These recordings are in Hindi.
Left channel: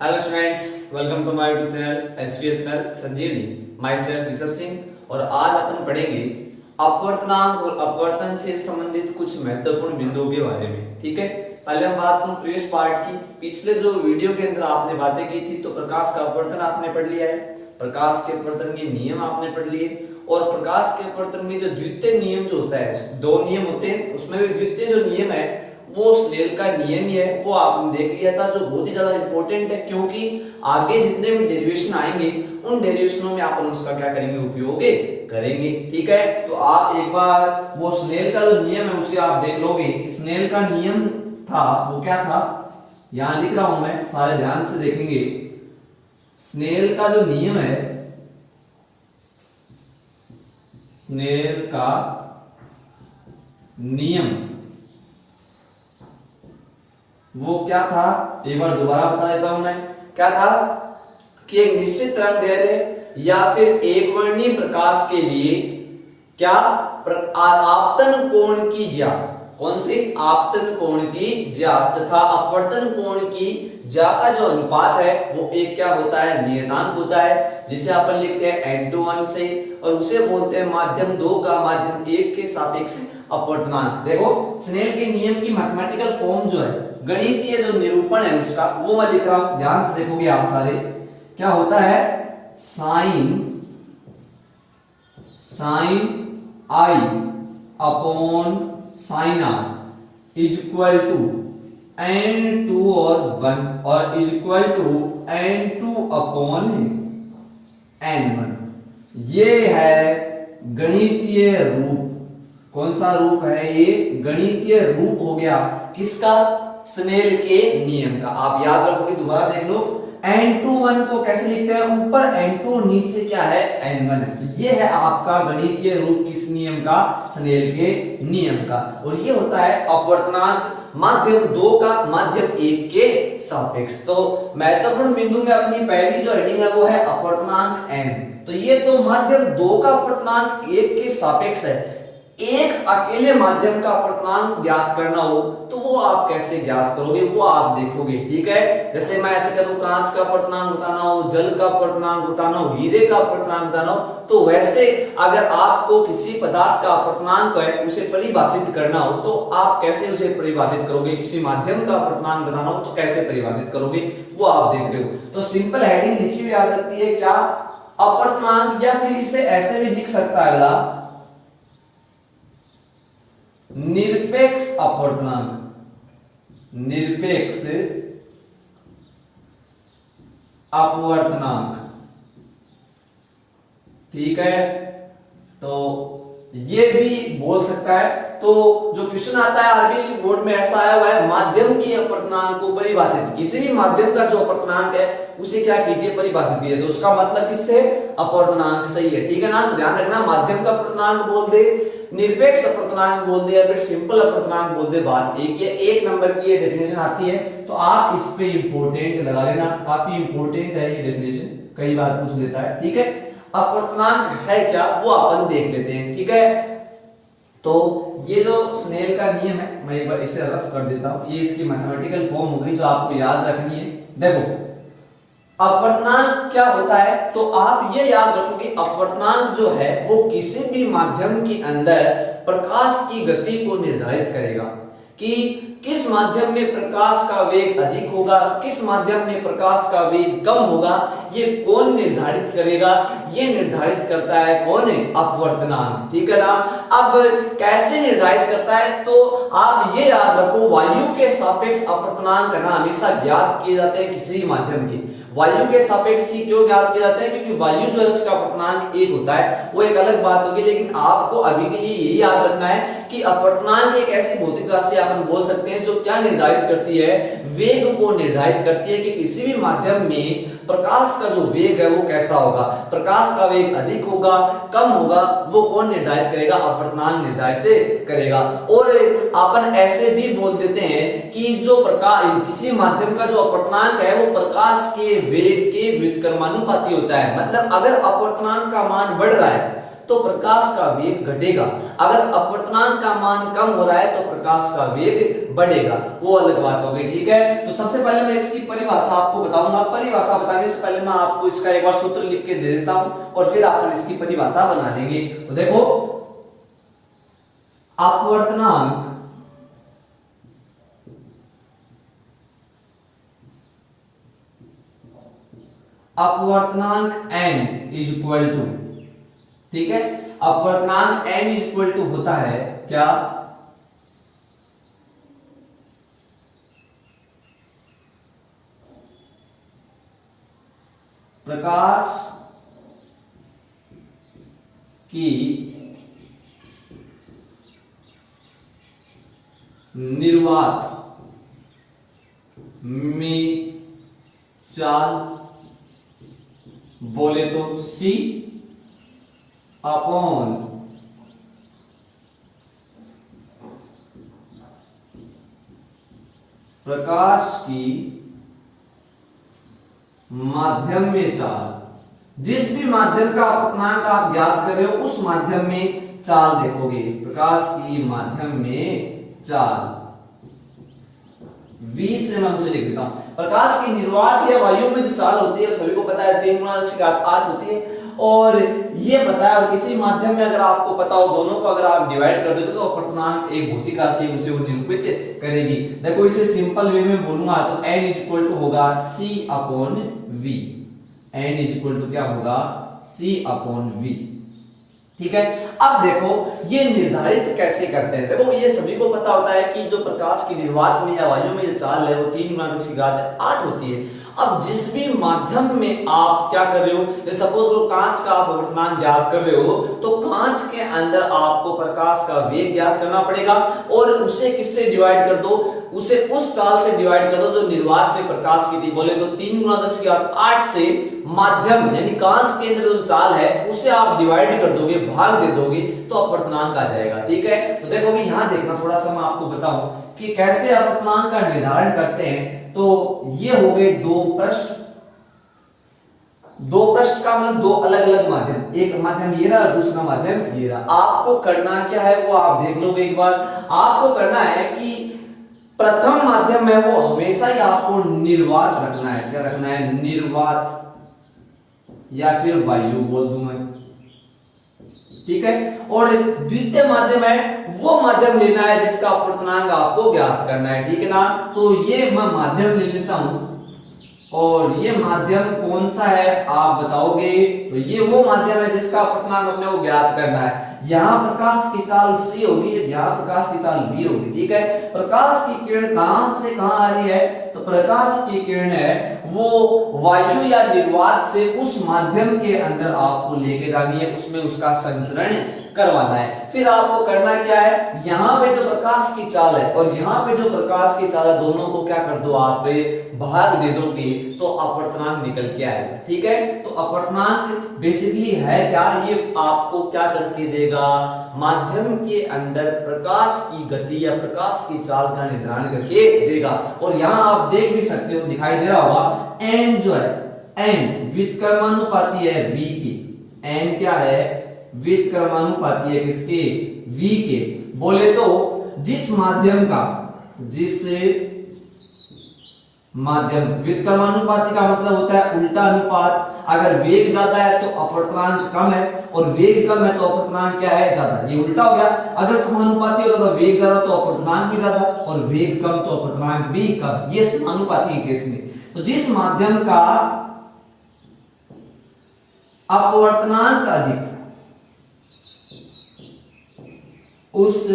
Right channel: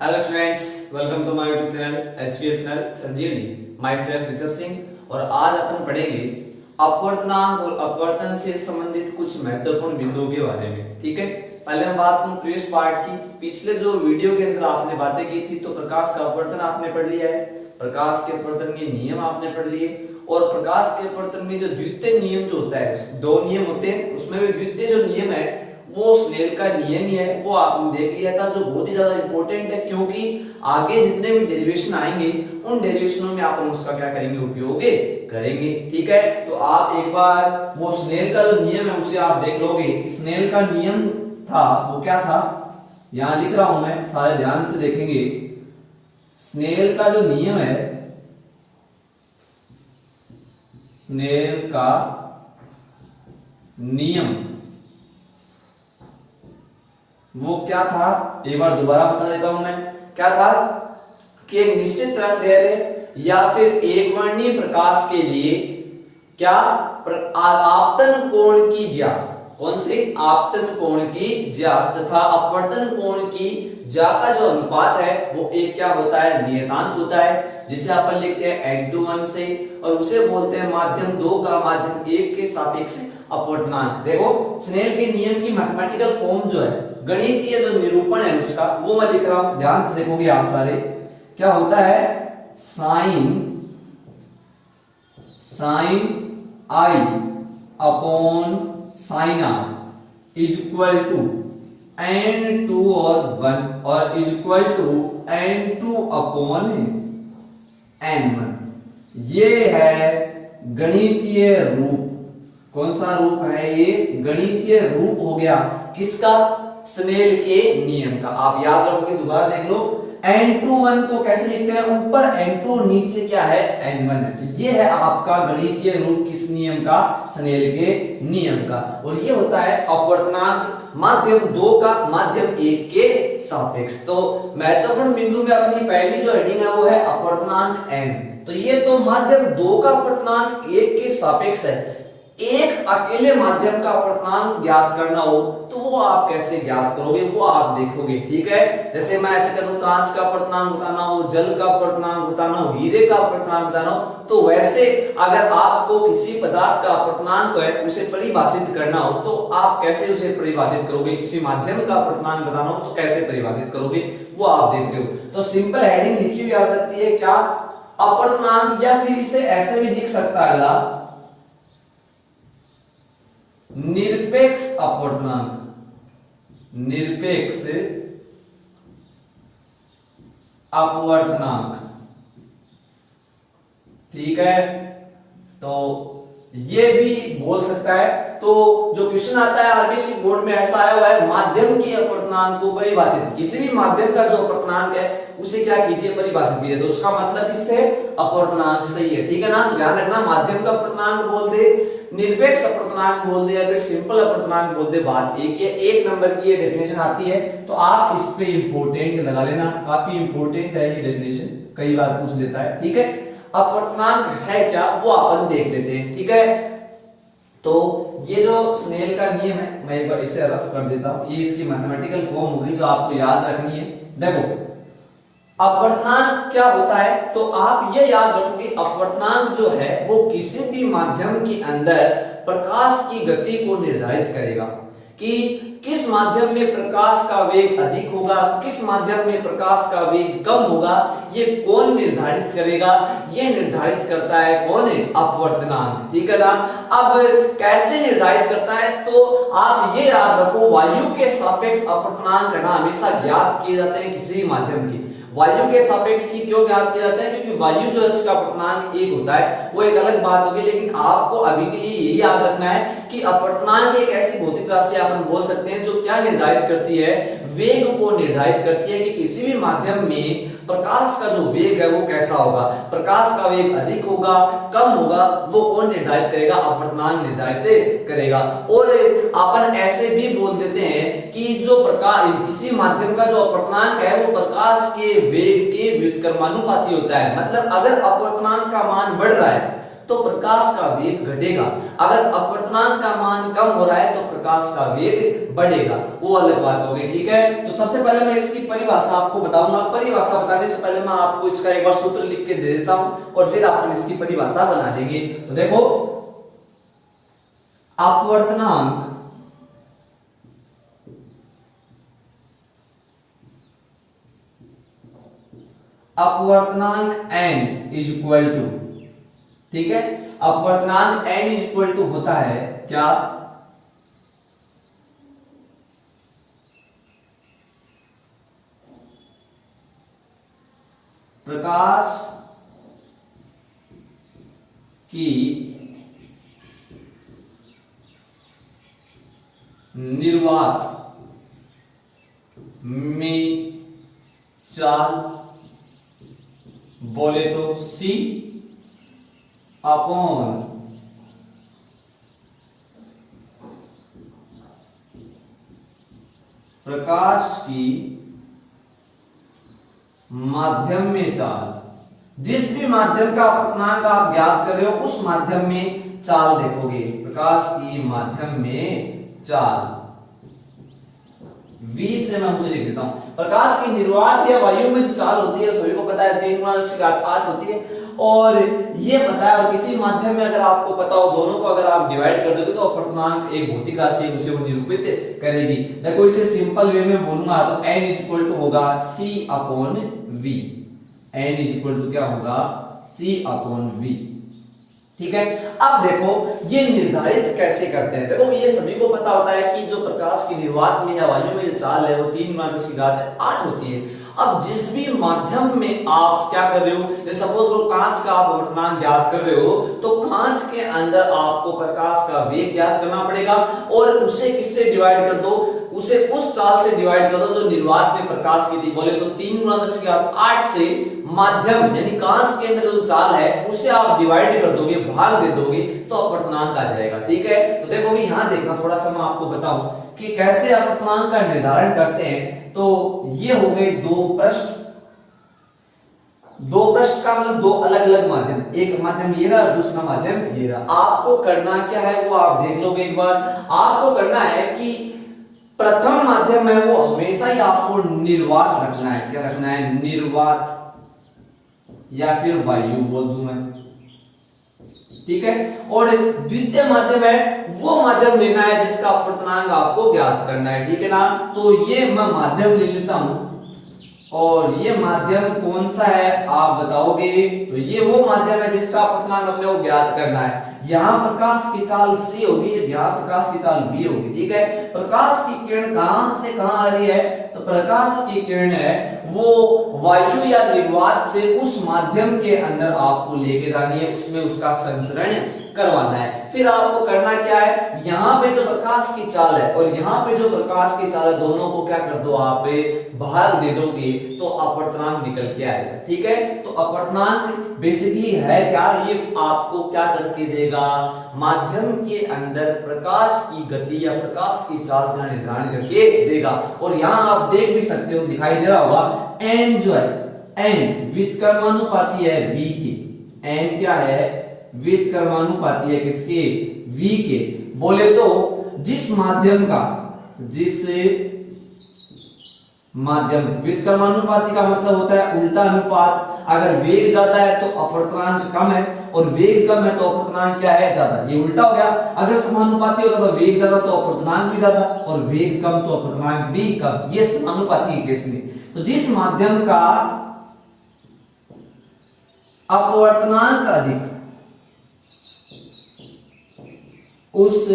Hello students, welcome to my YouTube channel educational Sanjeevani. Myself Rishabh Singh. और आज अपन पढ़ेंगे अपवर्तनांक और अपवर्तन से संबंधित कुछ महत्वपूर्ण बिंदुओं के बारे में। ठीक है, पहले हम बात करूं प्रीवियस पार्ट की। पिछले जो वीडियो के अंदर आपने बातें की थी तो प्रकाश का अपवर्तन आपने पढ़ लिया है, प्रकाश के अपवर्तन के नियम आपने पढ़ लिए, और प्रकाश के अपवर्तन में जो द्वितीय नियम जो होता है, दो नियम होते हैं, उसमें भी द्वितीय जो नियम है वो स्नेल का नियम ही है, वो आपने देख लिया था, जो बहुत ही ज्यादा इंपॉर्टेंट है क्योंकि आगे जितने भी डेरिवेशन आएंगे उन डेरिवेशनों में अपन उसका क्या करेंगे, उपयोग करेंगे। ठीक है, तो आप एक बार वो स्नेल का जो नियम है उसे आप देख लोगे। स्नेल का नियम था वो क्या था, यहां लिख रहा हूं मैं, सारे ध्यान से देखेंगे। स्नेल का जो नियम है, स्नेल का नियम वो क्या था, एक बार दोबारा बता देता हूं मैं। क्या था कि एक निश्चित तरंगदैर्घ्य या फिर एक वर्णीय प्रकाश के लिए क्या आपतन कोण की ज्या, कौन सी आपतन कोण की ज्या तथा अपवर्तन कोण की ज्या का जो अनुपात है वो एक क्या होता है, नियतांक होता है, जिसे अपन लिखते हैं n/1 से, और उसे बोलते हैं माध्यम 2 का माध्यम 1 के सापेक्ष अपवर्तनांक। देखो स्नेल के नियम की मैथमेटिकल फॉर्म जो है, गणितीय जो निरूपण है उसका, वो मैं लिख रहा हूं, ध्यान से देखोगे आप सारे। क्या होता है, sine I upon sine are is equal to n2 और 1 और is equal to n2 upon n1। ये है गणितीय रूप। कौन सा रूप है ये, गणितीय रूप हो गया किसका, स्नेल के नियम का। आप याद रखोगे, दोबारा देख लो, n21 को कैसे लिखते हैं, ऊपर n2 नीचे क्या है, n1 है। ये है आपका गणितीय रूप किस नियम का, स्नेल के नियम का। और ये होता है अपवर्तनांक माध्यम 2 का माध्यम 1 के सापेक्ष। तो महत्वपूर्ण बिंदु में अपनी पहली जो हेडिंग है वो है अपवर्तनांक m। तो ये तो माध्यम 2 का अपवर्तनांक 1 के सापेक्ष है। एक अकेले माध्यम का अपवर्तनांक ज्ञात करना हो तो वो आप कैसे ज्ञात करोगे, वो आप देखोगे। ठीक है, जैसे मैं ऐसे करूं, कांच का अपवर्तनांक बताना हो, जल का अपवर्तनांक बताना हो, हीरे का अपवर्तनांक बताना हो, तो वैसे अगर आपको किसी पदार्थ का अपवर्तनांक है उसे परिभाषित करना हो तो आप कैसे उसे परिभाषित करोगे, किसी माध्यम का अपवर्तनांक बताना हो तो कैसे परिभाषित करोगे, वो आप देख रहे हो। तो सिंपल हेडिंग लिखी हुई आ सकती है क्या, अपवर्तनांक, या फिर इसे ऐसे भी लिख सकता है अगला, निरपेक्ष अपवर्तनांक, निरपेक्ष अपवर्तनांक। ठीक है, तो ये भी बोल सकता है। तो जो क्वेश्चन आता है आरबीएससी बोर्ड में ऐसा आया हुआ है, माध्यम के अपवर्तनांक को परिभाषित, किसी भी माध्यम का जो अपवर्तनांक है उसे क्या कीजिए, परिभाषित कीजिए। तो उसका मतलब किससे, अपवर्तनांक सही है। ठीक है ना, तो ध्यान रखना, माध्यम का अपवर्तनांक बोल दे, निरपेक्ष अपवर्तनांक बोल दे, या फिर सिंपल अपवर्तनांक बोल दे, बात एक है। 1 नंबर की ये डेफिनेशन आती है तो आप इस पे इंपोर्टेंट लगा लेना, काफी इंपोर्टेंट है ये डेफिनेशन, कई बार पूछ लेता है। ठीक है, अपवर्तनांक है क्या वो अपन देख लेते हैं। ठीक है, तो ये जो स्नेल का नियम है, मैं एक बार इसे रफ कर देता हूं, ये इसकी मैथमेटिकल फॉर्म होगी जो आपको याद रखनी है। देखो अपवर्तनांक क्या होता है, तो आप ये याद रखोगे, अपवर्तनांक जो है वो किसी भी माध्यम के अंदर प्रकाश की गति को निर्धारित करेगा कि किस माध्यम में प्रकाश का वेग अधिक होगा, किस माध्यम में प्रकाश का वेग कम होगा, ये कौन निर्धारित करेगा, ये निर्धारित करता है कौन है, अपवर्तनांक। ठीक है ना, अब कैसे निर्धारित करता है, तो आप ये याद रखो, वायु के सापेक्ष अपवर्तनांक ना हमेशा ज्ञात किए जाते हैं किसी माध्यम की। वायु के सापेक्ष ही क्यों ज्ञात किया जाता है, क्योंकि वायु जो है उसका अपवर्तनांक 1 होता है, वो एक अलग बात होगी। लेकिन आपको अभी के लिए यही याद रखना है कि अपवर्तनांक एक ऐसी भौतिक राशि अपन बोल सकते हैं जो क्या निर्धारित करती है, वेग को निर्धारित करती है कि किसी भी माध्यम में प्रकाश का जो वेग है वो कैसा होगा, प्रकाश का वेग अधिक होगा, कम होगा, वो कौन निर्धारित करेगा, अपवर्तनांक निर्धारित करेगा। और अपन ऐसे भी बोल देते हैं कि जो प्रकाश, किसी माध्यम का जो अपवर्तनांक है वो प्रकाश के वेग के व्युत्क्रमानुपाती होता है। मतलब अगर अपवर्तनांक का मान बढ़ रहा है तो प्रकाश का वेग घटेगा। अगर अपवर्तनांक का मान कम हो रहा है तो प्रकाश का वेग बढ़ेगा, वो अलग बात होगी। ठीक है, तो सबसे पहले मैं इसकी परिभाषा आपको बताऊंगा। परिभाषा बताने से पहले मैं आपको इसका एक बार सूत्र लिख के दे देता हूं और फिर अपन इसकी परिभाषा बना लेंगे। तो देखो, अपवर्तनांक n इज इक्वल टू, ठीक है, अपवर्तनांक n इज इक्वल टू होता है क्या, प्रकाश की निर्वात में चाल, बोले तो c अपॉन प्रकाश की माध्यम में चाल। जिस भी माध्यम का अपवर्तनांक आप ज्ञात कर रहे हो उस माध्यम में चाल देखोगे, प्रकाश की माध्यम में चाल। v से मैं उसे लिख देता हूं, प्रकाश की निर्वात या वायु में जो चाल होती है सभी को पता है 3 × 10⁸ होती है, और ये पता है। और किसी माध्यम में अगर आपको पता हो, दोनों को अगर आप डिवाइड कर दोगे तो अपवर्तनांक एक भौतिक राशि उसे वो निरूपित करेगी। देखो, इसे सिंपल वे में बोलूंगा तो n इज इक्वल टू होगा c upon v। n is equal to क्या होगा, c अपॉन v। ठीक है, अब देखो ये निर्धारित कैसे करते हैं। देखो, ये सभी को पता होता है कि जो प्रकाश की निर्वात में या वायु में जो चाल है वो 3 × 10⁸ होती है। अब जिस भी माध्यम में आप क्या कर रहे हो, जैसे सपोज वो कांच का आप अपवर्तनांक ज्ञात कर रहे हो, तो कांच के अंदर आपको प्रकाश का वेग ज्ञात करना पड़ेगा और उसे किससे डिवाइड कर दो, उसे उस चाल से डिवाइड कर दो जो निर्वात में प्रकाश की थी। बोले तो 3 × 10⁸ से माध्यम यानी कांच के अंदर जो चाल है उसे आप डिवाइड कर दोगे, भाग दे दोगे, तो अपवर्तनांक आ जाएगा। ठीक है, तो देखो भी यहां देखना, थोड़ा सा मैं आपको बताऊं कि कैसे अपवर्तनांक का निर्धारण करते हैं। तो ये हो गए दो पृष्ठ, दो पृष्ठ का मतलब दो अलग अलग माध्यम, एक माध्यम ये रहा, दूसरा माध्यम ये रहा। आपको करना क्या है वो आप देख लोगे एक बार। आपको करना है कि प्रथम माध्यम है वो हमेशा ही आपको निर्वात रखना है। क्या रखना है, निर्वात या फिर वायु बोल दूं मैं। ठीक है, और द्वितीय माध्यम है वो माध्यम लेना है जिसका अपवर्तनांक आपको ज्ञात करना है। ठीक है ना, तो ये मैं माध्यम ले लेता हूं और ये माध्यम कौन सा है आप बताओगे। तो ये वो माध्यम है जिसका अपवर्तनांक अपने को ज्ञात करना है। यहां प्रकाश की चाल c होगी, यहां प्रकाश की चाल v होगी। ठीक है, प्रकाश की किरण कहां से कहां आ रही है, तो प्रकाश की किरण है वो वायु या निर्वात से उस माध्यम के अंदर आपको लेके जानी है, उसमें उसका संचरण करवाना है। फिर आपको करना क्या है, यहाँ पे जो प्रकाश की चाल है और यहाँ पे जो प्रकाश की चाल है, दोनों को क्या कर दो, आप भाग दे दोगे तो अपवर्तनांक निकल के आएगा। ठीक है, तो अपवर्तनांक बेसिकली है क्या, ये आपको क्या करके देगा, माध्यम के अंदर प्रकाश की गति या प्रकाश की चाल का निर्धारण करके देगा। और यहाँ आप देख भी सकते हो, दिखाई दे रहा होगा, n जो है, n व्युत्क्रमानुपाती है v की। n क्या है, व्युत्क्रमानुपाती है किसके, v के। बोले तो जिस माध्यम का, जिस माध्यम, व्युत्क्रमानुपाती का मतलब होता है उल्टा अनुपात। अगर वेग ज्यादा है तो अपवर्तनांक कम है, और वेग कम है तो अपवर्तनांक क्या है, ज्यादा। ये उल्टा हो गया, अगर समानुपाती होगा तो वेग ज्यादा तो अपवर्तनांक भी ज्यादा, और वेग कम तो अपवर्तनांक भी कम। ये समानुपाती के केस में। तो जिस माध्यम का अपवर्तनांक अधिक, उस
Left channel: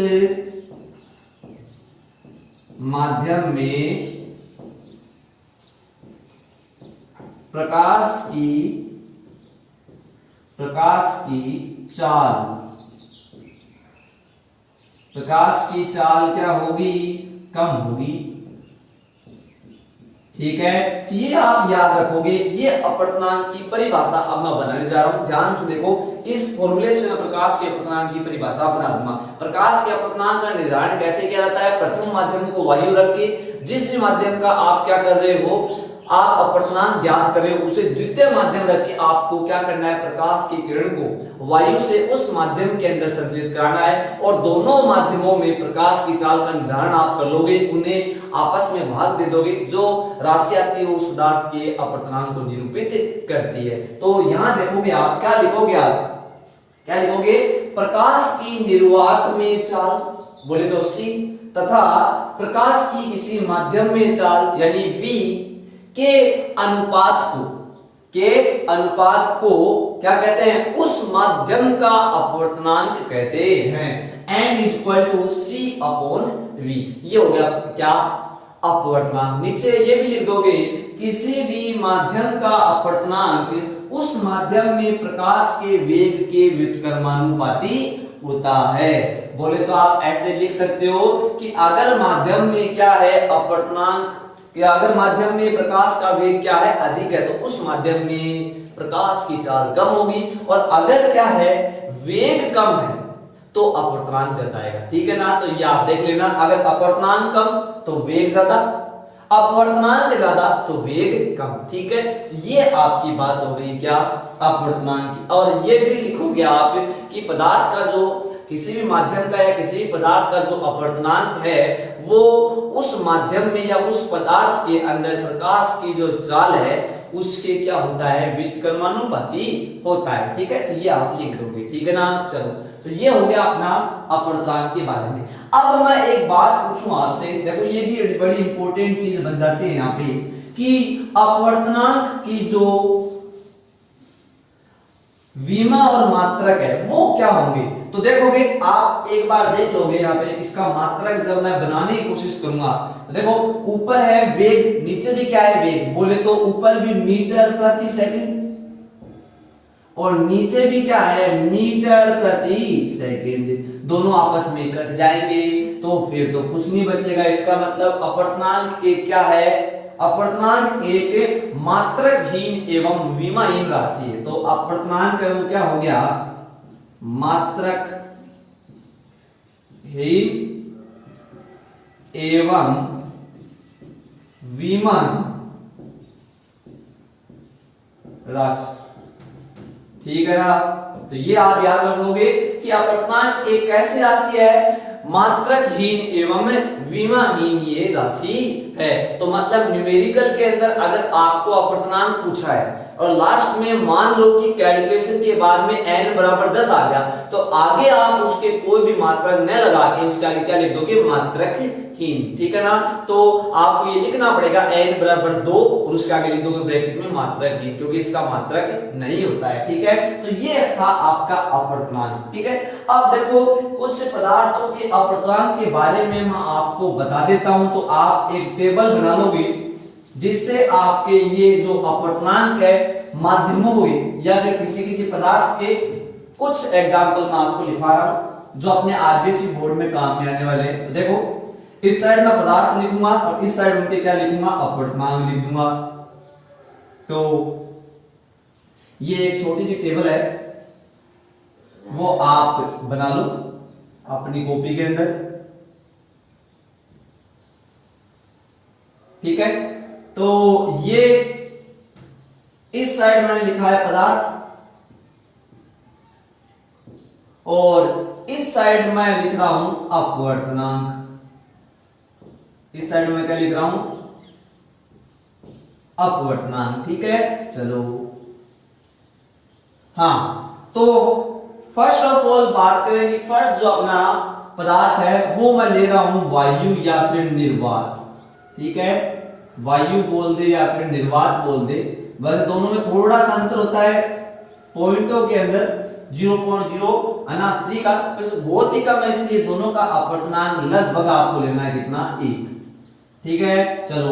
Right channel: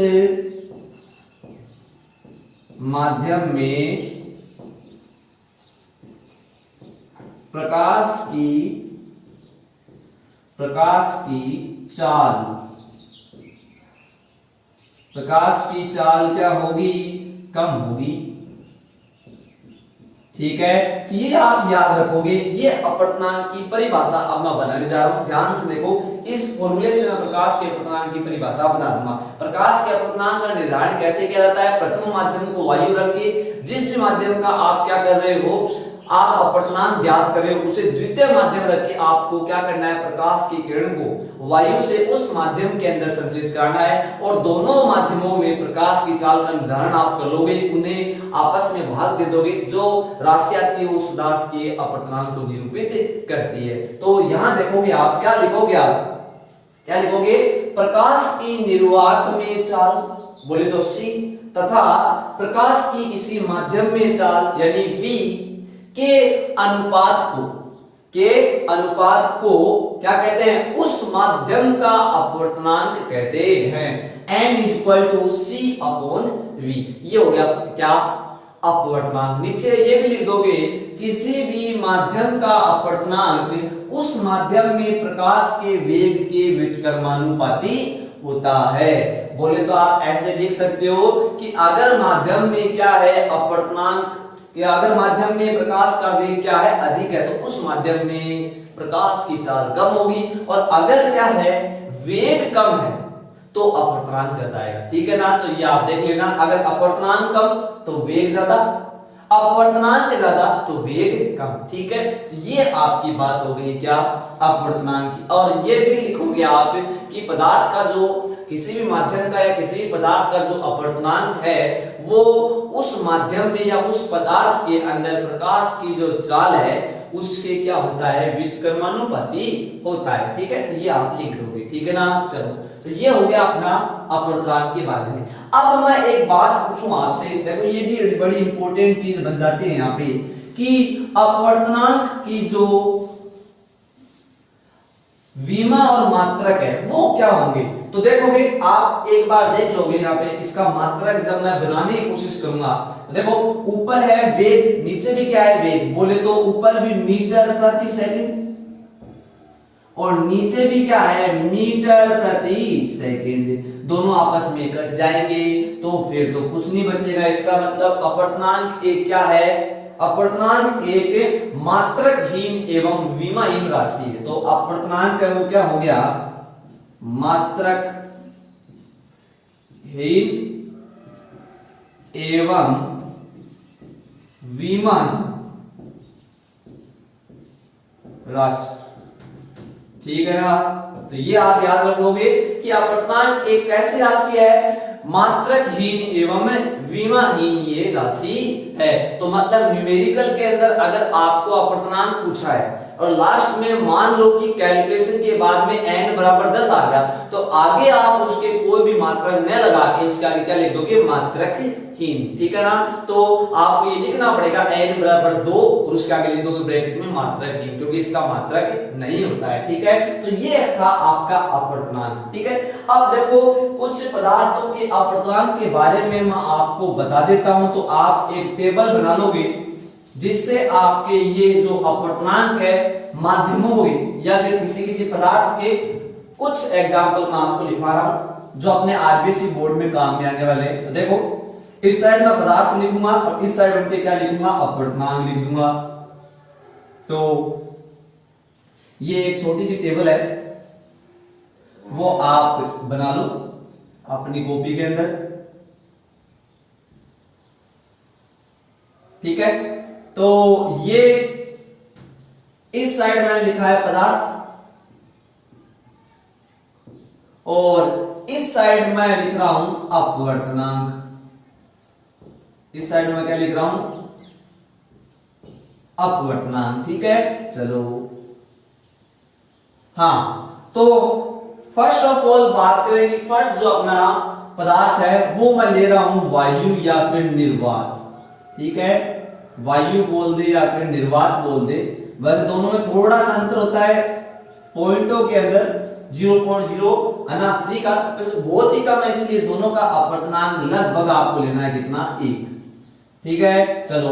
माध्यम में प्रकाश की चाल क्या होगी, कम होगी। ठीक है, ये आप याद रखोगे। ये अपवर्तनांक की परिभाषा अब मैं बनाने जा रहा हूं, ध्यान से देखो। इस फॉर्मूले से मैं प्रकाश के अपवर्तनांक की परिभाषा बना दूंगा। प्रकाश के अपवर्तनांक का निर्धारण कैसे किया जाता है, प्रथम माध्यम को वायु रख के, जिस भी माध्यम का आप क्या कर रहे हो, आप अपर्तनांक ज्ञात करें, उसे द्वितीय माध्यम रख के आपको क्या करना है, प्रकाश की किरण को वायु से उस माध्यम के अंदर संचरित कराना है और दोनों माध्यमों में प्रकाश की चाल का निर्धारण आप कर लोगे, उन्हें आपस में भाग दे दोगे, जो राशि आती है उस पदार्थ के अपर्तनांक को निरूपित करती है। तो यहां देखोगे आप क्या लिखोगे, क्या लिखोगे, प्रकाश की निर्वात में चाल बोले तो C तथा प्रकाश की किसी माध्यम में चाल यानी V के अनुपात को क्या कहते हैं, उस माध्यम का अपवर्तनांक कहते हैं। n = C/V, ये हो गया क्या, अपवर्तनांक। नीचे ये भी लिख दोगे, किसी भी माध्यम का अपवर्तनांक उस माध्यम में प्रकाश के वेग के व्युत्क्रमानुपाती होता है। बोले तो आप ऐसे लिख सकते हो कि अगर माध्यम में क्या है अपवर्तनांक, या अगर माध्यम में प्रकाश का वेग क्या है, अधिक है, तो उस माध्यम में प्रकाश की चाल कम होगी, और अगर क्या है वेग कम है तो अपवर्तनांक ज्यादा आएगा। ठीक है ना, तो ये आप देख लेना, अगर अपवर्तनांक कम तो वेग ज्यादा, अपवर्तनांक ज्यादा तो वेग कम। ठीक है, ये आपकी बात हो गई क्या, अपवर्तनांक की। और ये भी लिखोगे आप कि पदार्थ का जो किसी भी माध्यम का या किसी भी पदार्थ का जो अपवर्तनांक है वो उस माध्यम में या उस पदार्थ के अंदर प्रकाश की जो चाल है उसके क्या होता है, व्युत्क्रमानुपाती होता है। ठीक है, तो ये आप लिख दोगे। ठीक है ना, चलो, तो ये हो गया अपना अपवर्तनांक के बारे में। अब मैं एक बात पूछूं आपसे, देखो ये भी बड़ी इंपॉर्टेंट चीज बन जाती है यहाँ पे कि अपवर्तनांक की जो विमा और मात्रक है वो क्या होंगे। तो देखोगे आप एक बार देख लोगे यहाँ पे, इसका मात्रक जब मैं बनाने की कोशिश करूंगा, तो देखो ऊपर है वेग, नीचे भी क्या है वेग, बोले तो ऊपर भी मीटर प्रति सेकंड और नीचे भी क्या है मीटर प्रति सेकंड, दोनों आपस में कट जाएंगे तो फिर तो कुछ नहीं बचेगा। इसका मतलब अपवर्तनांक एक क्या है, अपवर्तनांक एक मात्रकहीन एवं विमाहीन राशि है। तो अपवर्तनांक का वो क्या हो गया, मात्रकहीन एवं विमान राशि। ठीक है ना, तो ये आप याद रखोगे कि अपवर्तनांक एक ऐसी राशि है मात्रकहीन एवं विमाहीन ये राशि है। तो मतलब न्यूमेरिकल के अंदर अगर आपको अपवर्तनांक पूछा है और लास्ट में मान लो कि कैलकुलेशन के बाद में n बराबर 10 आ गया, तो आगे आप उसके कोई भी मात्रक न लगा के उसके आगे क्या लिख दोगे, मात्रकहीन। ठीक है ना, तो आपको ये लिखना पड़ेगा n बराबर 2 और उसके आगे लिख दोगे ब्रैकेट में मात्रकहीन, क्योंकि इसका मात्रक नहीं होता है। ठीक है, तो ये था आपका अपवर्तनांक। ठीक है, अब देखो कुछ पदार्थों के अपवर्तनांक के बारे में मैं आपको बता देता हूं, तो आप एक टेबल बना लोगे जिससे आपके ये जो अपवर्तनांक है माध्यमों में या फिर किसी पदार्थ के कुछ एग्जाम्पल मैं आपको लिखा रहा हूं जो अपने आरबीसी बोर्ड में काम में आने वाले हैं। तो देखो इस साइड में पदार्थ लिखूंगा और इस साइड उनके क्या लिखूंगा, अपवर्तनांक लिख दूंगा। तो ये एक छोटी सी टेबल है, वो आप बना लो अपनी कॉपी के अंदर। ठीक है, तो ये इस साइड मैंने लिखा है पदार्थ और इस साइड मैं लिख रहा हूं अपवर्तनांक। इस साइड में क्या लिख रहा हूं, अपवर्तनांक। ठीक है, चलो हाँ, तो फर्स्ट ऑफ ऑल बात करें कि फर्स्ट जो अपना पदार्थ है वो मैं ले रहा हूं वायु या फिर निर्वात। ठीक है, वायु बोल दे या फिर निर्वात बोल दे, वैसे दोनों में थोड़ा सा अंतर होता है पॉइंटों के अंदर, 0.03 का, बहुत ही कम है, इसलिए दोनों का अपवर्तनांक लगभग आपको लेना है कितना, 1। ठीक है, चलो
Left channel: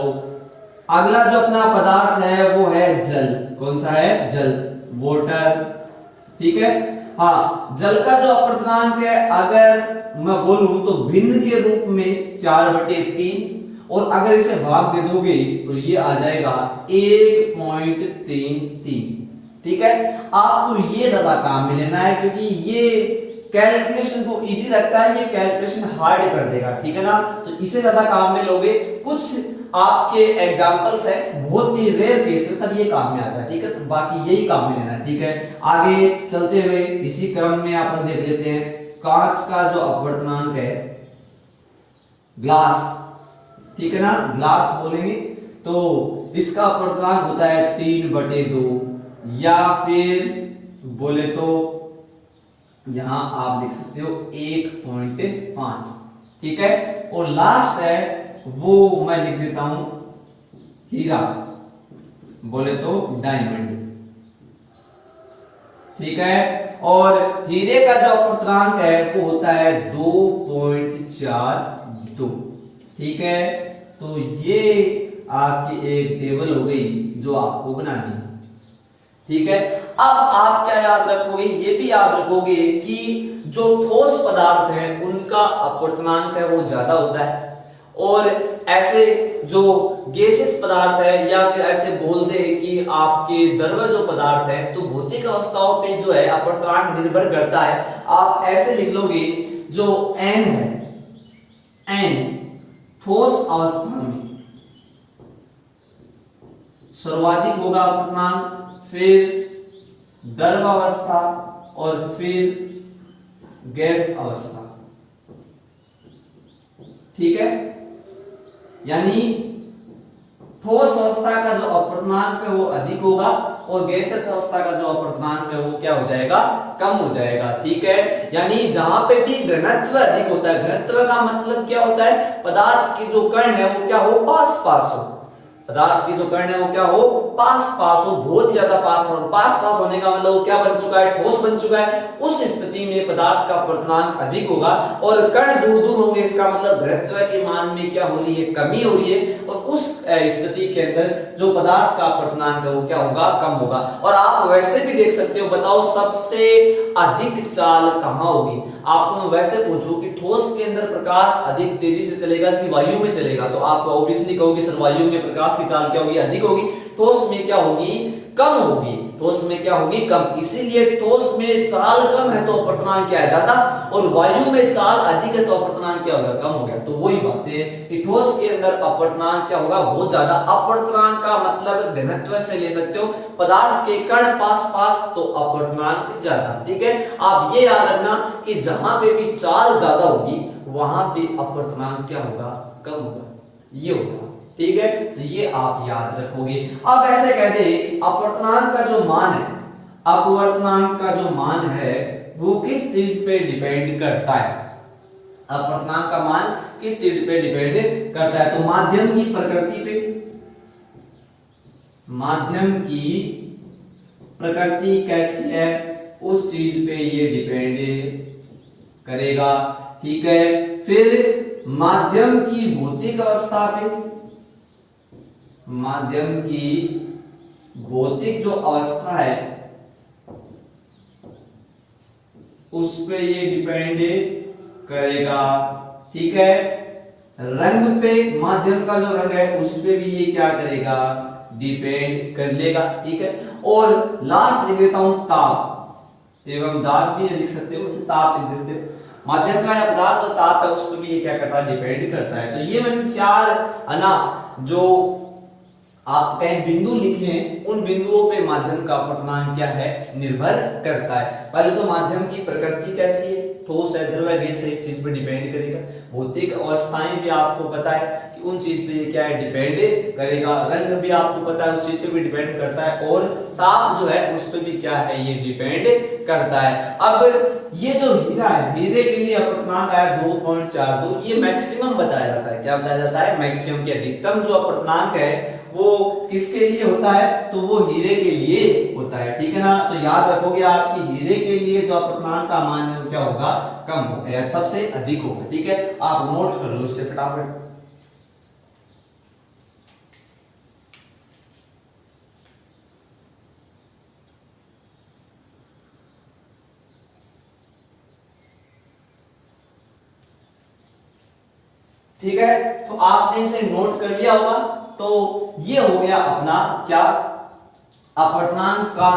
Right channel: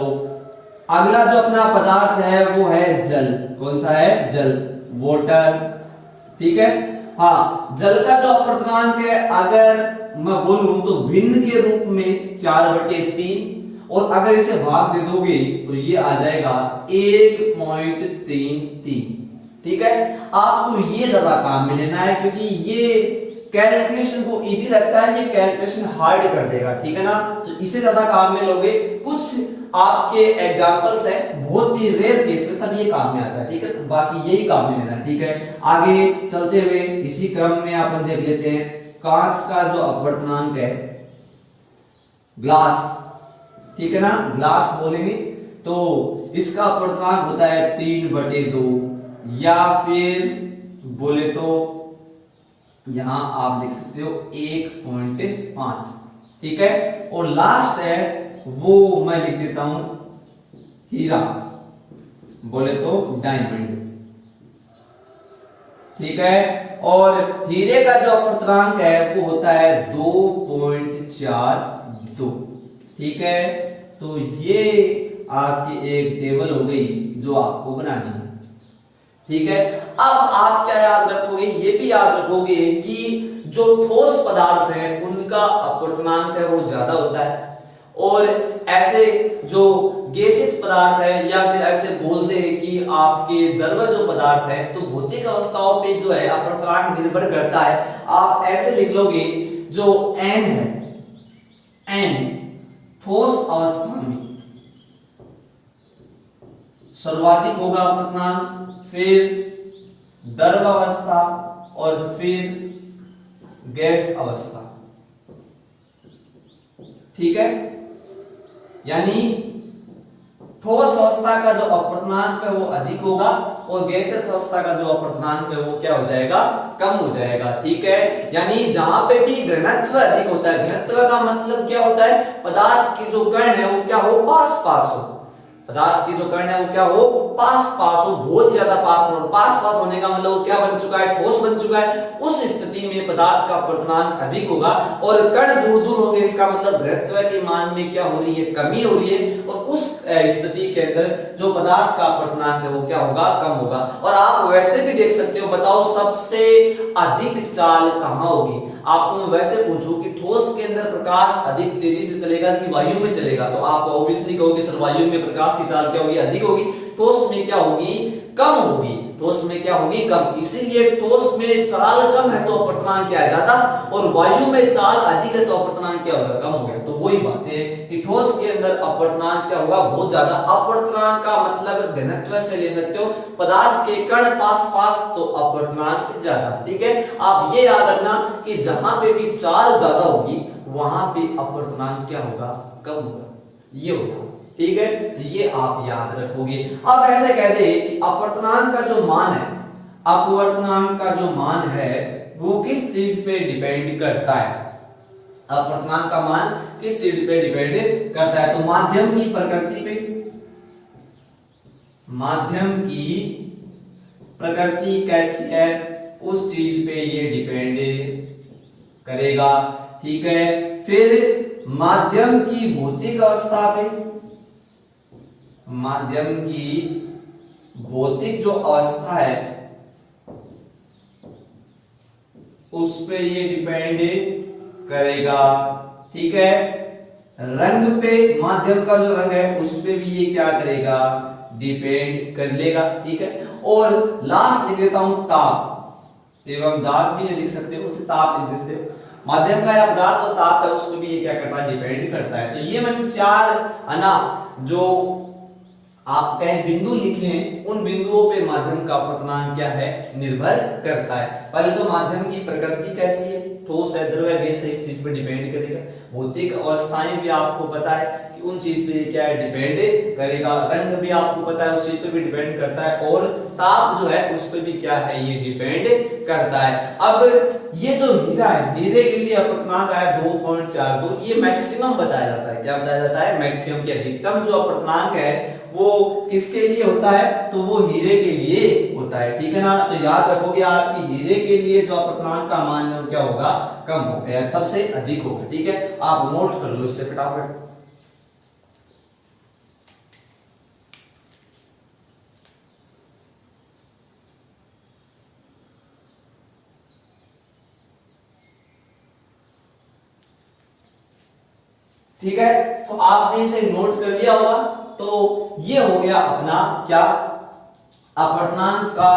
अगला जो अपना पदार्थ है वो है जल। कौन सा है, जल, वाटर। ठीक है, हाँ, जल का जो अपवर्तनांक है अगर मैं बोलूं तो भिन्न के रूप में 4/3, और अगर इसे भाग दे दोगे तो ये आ जाएगा 1.33। ठीक है, आपको ये ज्यादा काम में लेना है क्योंकि ये कैलकुलेशन को इजी रखता है, ये कैलकुलेशन हार्ड कर देगा। ठीक है ना, तो इसे ज्यादा काम में लोगे। कुछ आपके एग्जांपल्स हैं, बहुत ही रेयर केस में तब ये काम में आता है, ठीक है। तो बाकी यही काम में लेना है, ठीक है। आगे चलते हुए इसी क्रम में अपन देख लेते हैं कांच का जो अपवर्तनांक है, ग्लास, ठीक है ना, ग्लास बोलेंगे तो इसका अपवर्तनांक होता है 3/2 या फिर बोले तो यहां आप लिख सकते हो 1.5, ठीक है। और लास्ट है वो मैं लिख देता हूं हीरा, बोले तो डायमंड, ठीक है। और हीरे का जो अपवर्तनांक है वो होता है 2.42, ठीक है। तो ये आपकी एक टेबल हो गई जो आपको बनानी है, ठीक है। अब आप क्या याद रखोगे, ये भी याद रखोगे कि जो ठोस पदार्थ हैं उनका अपवर्तनांक है वो ज्यादा होता है, और ऐसे जो गैसियस पदार्थ है या फिर ऐसे बोल दे कि आपके द्रव्य जो पदार्थ है तो भौतिक अवस्थाओं पे जो है अपवर्तनांक निर्भर करता है। आप ऐसे लिख लोगे जो n है, n ठोस अवस्था में सर्वाधिक होगा अपवर्तनांक, फिर द्रव अवस्था और फिर गैस अवस्था, ठीक है। यानी ठोस अवस्था का जो अपवर्तनांक है वो अधिक होगा और गैसियस अवस्था का जो अपवर्तनांक है वो क्या हो जाएगा, कम हो जाएगा, ठीक है। यानी जहां पे भी घनत्व अधिक होता है, घनत्व का मतलब क्या होता है, पदार्थ की जो कण है वो क्या हो, पास पास हो, पदार्थ की जो कण है वो क्या हो, पास पास हो, बहुत ज्यादा पास हो। पास पास होने का मतलब वो क्या बन चुका है, ठोस बन चुका है। उस स्थिति में पदार्थ का अपवर्तनांक अधिक होगा और कण दूर दूर होंगे, इसका मतलब घनत्व के मान में क्या हो रही है, कमी हो रही है। और उस स्थिति के अंदर जो पदार्थ का अपवर्तनांक है वो क्या होगा, कम होगा। और आप वैसे भी देख सकते हो, बताओ सबसे अधिक चाल कहां होगी। आपको मैं वैसे पूछूं कि ठोस के अंदर प्रकाश अधिक तेजी से चलेगा कि वायु में चलेगा, तो आप ऑब्वियसली कहोगे सर वायु में प्रकाश की चाल क्या होगी, अधिक होगी। ठोस में क्या होगी, कम होगी। ठोस में क्या होगी, कम। इसीलिए ठोस में चाल कम है तो अपवर्तनांक क्या है, ज्यादा, और वायु में चाल अधिक है तो अपवर्तनांक क्या होगा, कम हो गया। तो वही बात है कि ठोस के अंदर अपवर्तनांक क्या होगा, बहुत ज्यादा। अपवर्तनांक का मतलब घनत्व से ले सकते हो, पदार्थ के कण पास पास तो अपवर्तनांक ज्यादा, ठीक है। आप ये याद रखना कि जहां पे भी चाल ज्यादा होगी वहां पे अपवर्तनांक क्या होगा, कम होगा, ये होगा, ठीक है। तो ये आप याद रखोगे। अब ऐसे कह दे कि अपवर्तनांक का जो मान है, अपवर्तनांक का जो मान है वो किस चीज पे डिपेंड करता है, अपवर्तनांक का मान किस चीज पे डिपेंड करता है, तो माध्यम की प्रकृति पे, माध्यम की प्रकृति कैसी है उस चीज पे ये डिपेंड करेगा, ठीक है। फिर माध्यम की भौतिक अवस्था पे, माध्यम की भौतिक जो अवस्था है उस पे ये डिपेंड करेगा, ठीक है। रंग पे, माध्यम का जो रंग है उस पे भी ये क्या करेगा, डिपेंड कर लेगा, ठीक है। और लास्ट लिख देता हूं ताप, एवं दाब भी लिख सकते हो, उसे ताप लिख सकते हो। माध्यम का पदार्थ जो ताप है उस पर भी ये क्या करता है, डिपेंड करता है। तो ये मैंने 4 अना जो आप कहीं बिंदु लिखे हैं, उन बिंदुओं पे माध्यम का अपवर्तनांक क्या है, निर्भर करता है। पहले तो माध्यम की प्रकृति कैसी है, ठोस है, द्रव है, गैस है, इस चीज पे डिपेंड करेगा। भौतिक अवस्थाएं भी आपको पता है कि उन चीज पे क्या है, डिपेंड करेगा। रंग भी आपको पता है उस चीज पे भी डिपेंड करता है, और ताप जो है उस पे भी क्या है, ये डिपेंड करता है। अब ये जो हीरा है, हीरे के लिए अपवर्तनांक आया 2.42, ये मैक्सिमम बताया जाता है। क्या बताया जाता है, मैक्सिमम की अधिकतम जो अपवर्तनांक है वो किसके लिए होता है, तो वो हीरे के लिए होता है, ठीक है ना। तो याद रखोगे आप कि हीरे के लिए जो अपवर्तनांक का मान है वो क्या होगा, कम होगा, सबसे अधिक होगा, ठीक है। आप नोट कर लो इसे फटाफट। ठीक है, तो आपने इसे नोट कर लिया होगा। तो ये हो गया अपना क्या, अपवर्तनांक का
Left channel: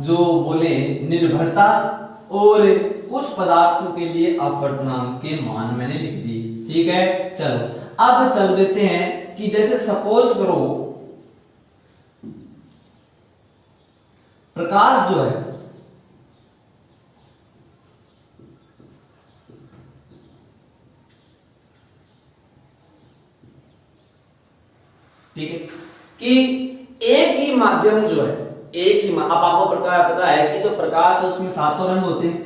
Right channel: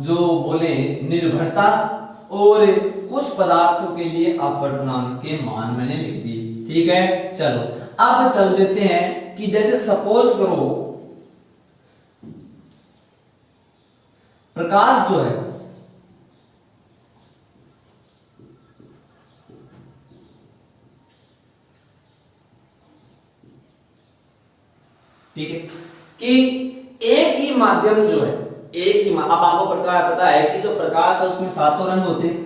जो बोले निर्भरता, और कुछ पदार्थों के लिए अपवर्तनांक के मान मैंने लिख दिए, ठीक है। चलो अब चल देते हैं कि जैसे सपोज करो प्रकाश जो है ठीक है कि एक ही माध्यम जो है अब आपको प्रकाश पता है कि जो प्रकाश है उसमें सातों रंग होते हैं।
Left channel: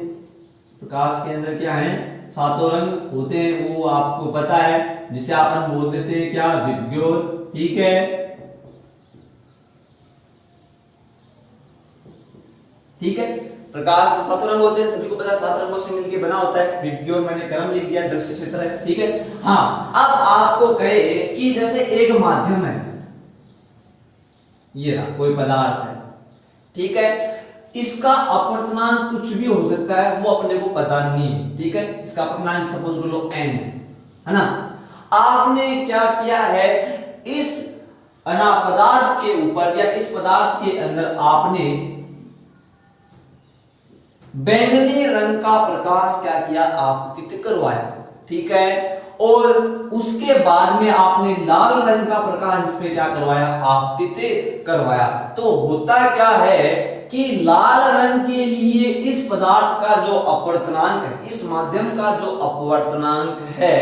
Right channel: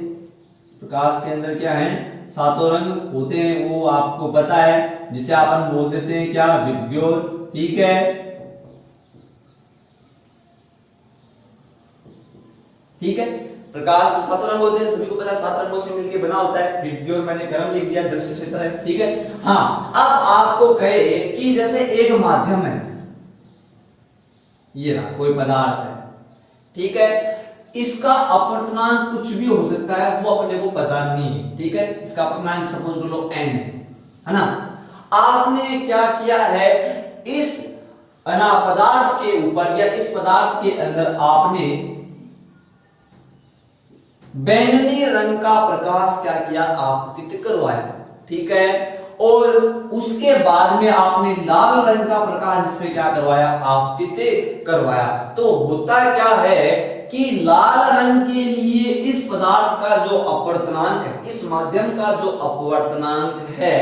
प्रकाश के अंदर क्या है, सातों रंग होते हैं, वो आपको पता है, जिसे अपन बोल देते हैं क्या, विबग्योर। ठीक है, ठीक है, प्रकाश सातों रंग होते हैं, सभी को पता है, 7 रंगों से मिलकर बना होता है विबग्योर। मैंने क्रम लिख दिया, दृश्य क्षेत्र है। ठीक है, हाँ, अब आपको कहे कि जैसे एक माध्यम है, ये रहा कोई पदार्थ है, ठीक है, इसका अपवर्तनांक कुछ भी हो सकता है, वो अपने को पता नहीं है। ठीक है, इसका अपवर्तनांक सपोज लो n है ना। आपने क्या किया है, इस पदार्थ के ऊपर या इस पदार्थ के अंदर आपने बैंगनी रंग का प्रकाश क्या किया, आपतित करवाया। ठीक है, और उसके बाद में आपने लाल रंग का प्रकाश इस पे क्या करवाया, आपतित करवाया। तो होता क्या है कि लाल रंग के लिए इस पदार्थ का जो अपवर्तनांक है, इस माध्यम का जो अपवर्तनांक है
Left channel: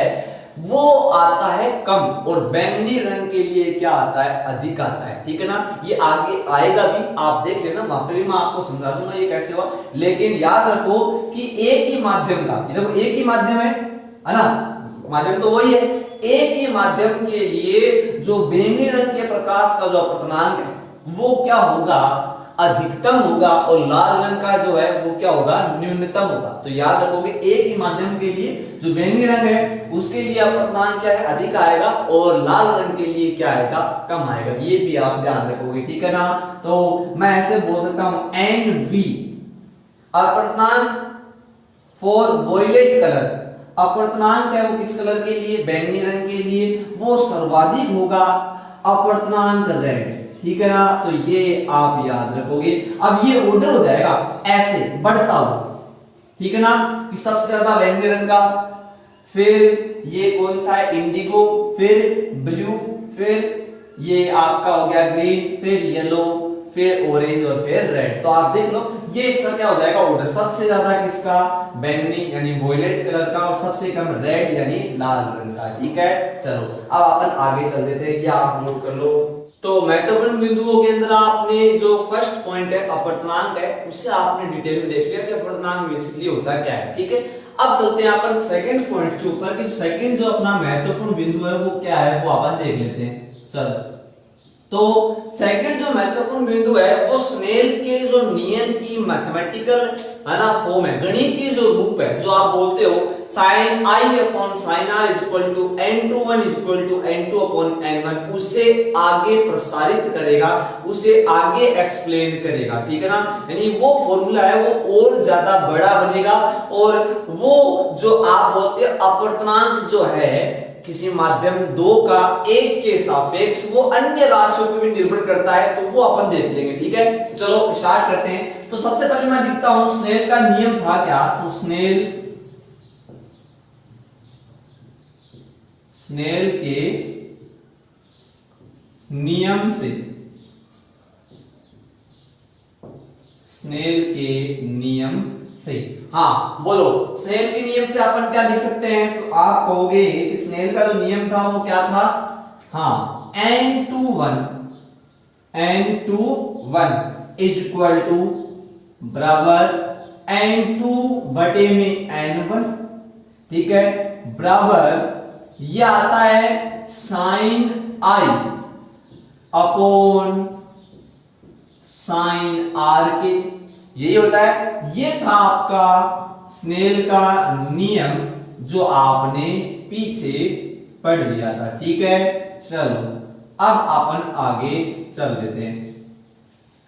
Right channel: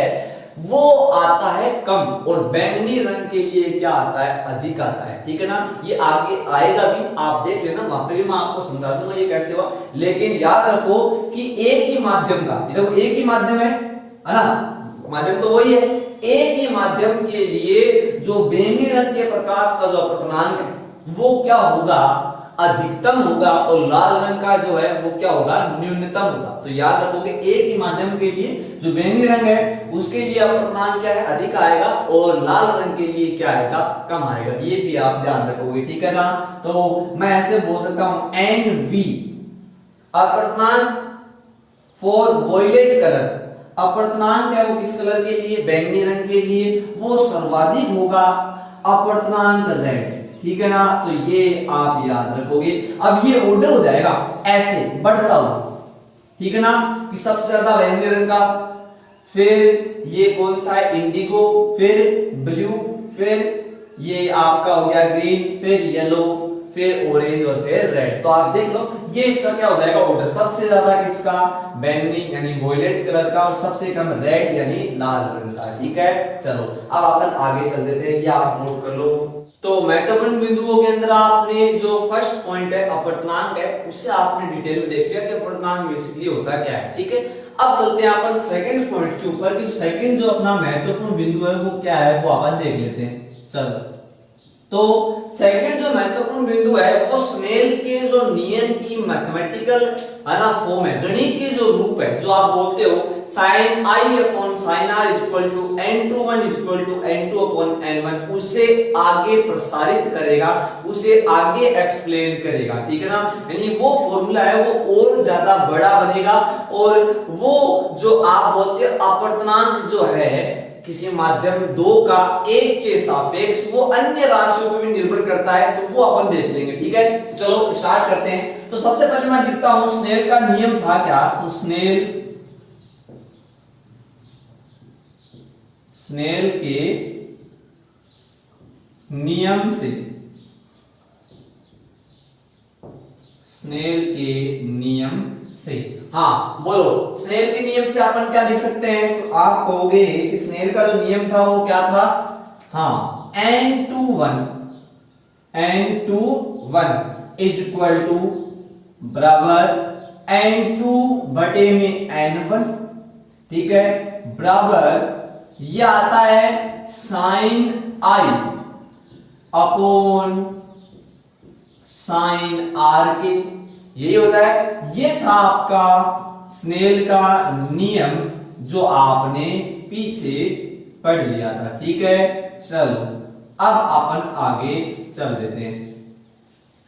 वो आता है कम, और बैंगनी रंग के लिए क्या आता है, अधिक आता है। ठीक है ना, ये आगे आएगा भी, आप देख लेना, वहां पे भी मैं आपको समझा दूंगा ये कैसे हुआ। लेकिन याद रखो कि एक ही माध्यम का, देखो एक ही माध्यम है ना, माध्यम तो वही है, एक ही माध्यम के लिए जो बैंगनी रंग के प्रकाश का जो अपवर्तनांक है वो क्या होगा, अधिकतम होगा, और लाल रंग का जो है वो क्या होगा, न्यूनतम होगा। तो याद रखोगे एक ही माध्यम के लिए जो बैंगनी रंग है उसके लिए अपवर्तनांक क्या है, अधिक आएगा, और लाल रंग के लिए क्या आएगा, कम आएगा। ये भी आप ध्यान रखोगे। ठीक है ना, तो मैं ऐसे बोल सकता हूं NV अपवर्तनांक फॉर वॉयलेट कलर, अपवर्तनांक है वो किस कलर के लिए, बैंगनी रंग के लिए, वो सर्वाधिक होगा अपवर्तनांक रेड। ठीक है ना, तो ये आप याद रखोगे। अब ये ऑर्डर हो जाएगा ऐसे बढ़ता हुआ, ठीक है ना, कि सबसे ज्यादा बैंगनी रंग का, फिर ये कौन सा है, इंडिगो, फिर ब्लू, फिर ये आपका हो गया ग्रीन, फिर येलो, फिर ऑरेंज, और फिर रेड। तो आप देख लो ये इसका क्या हो जाएगा ऑर्डर, सबसे ज्यादा किसका, बैंगनी यानी वॉयलेट कलर का, और सबसे कम रेड यानी लाल रंग का। ठीक है, चलो अब अपन आगे चल देते हैं, ये आप नोट कर लो। तो महत्वपूर्ण बिंदुओं के अंदर आपने जो फर्स्ट पॉइंट है अपवर्तनांक है, उससे आपने डिटेल में देख लिया कि अपवर्तनांक बेसिकली होता क्या है। ठीक है, अब चलते हैं अपन सेकंड पॉइंट के ऊपर कि सेकंड जो अपना महत्वपूर्ण बिंदु है वो क्या है, वो अपन देख लेते हैं। चलो, तो सेकंड जो महत्वपूर्ण बिंदु है वो स्नेल के जो नियम की मैथमेटिकल है ना फॉर्म है, गणितीय जो रूप है, जो आप बोलते हो sin I upon sin R equal to n21 equal to n2 upon n1, उसे आगे प्रसारित करेगा, उसे आगे एक्सप्लेन करेगा। ठीक है ना, यानी वो फॉर्मूला है वो और ज्यादा बड़ा बनेगा, और वो जो आप बोलते हैं अपवर्तनांक जो है किसी माध्यम 2 का 1 के सापेक्ष वो अन्य राशियों पर भी निर्भर करता है, तो वो अपन देख लेंगे। ठीक है, तो चलो स्टार्ट करते हैं। तो सबसे पहले मैं लिखता हूं स्नेल का नियम था क्या, तो स्नेल के नियम से, स्नेल के नियम से, हाँ बोलो, स्नेल के नियम से अपन क्या लिख सकते हैं, तो आप कहोगे कि स्नेल का जो नियम था वो क्या था, हाँ n21 इज इक्वल टू बराबर n2 बटे में n1। ठीक है, बराबर ये आता है sin I upon sin R के, यही होता है। ये था आपका स्नेल का नियम जो आपने पीछे पढ़ लिया था। ठीक है, चलो अब अपन आगे चल देते हैं।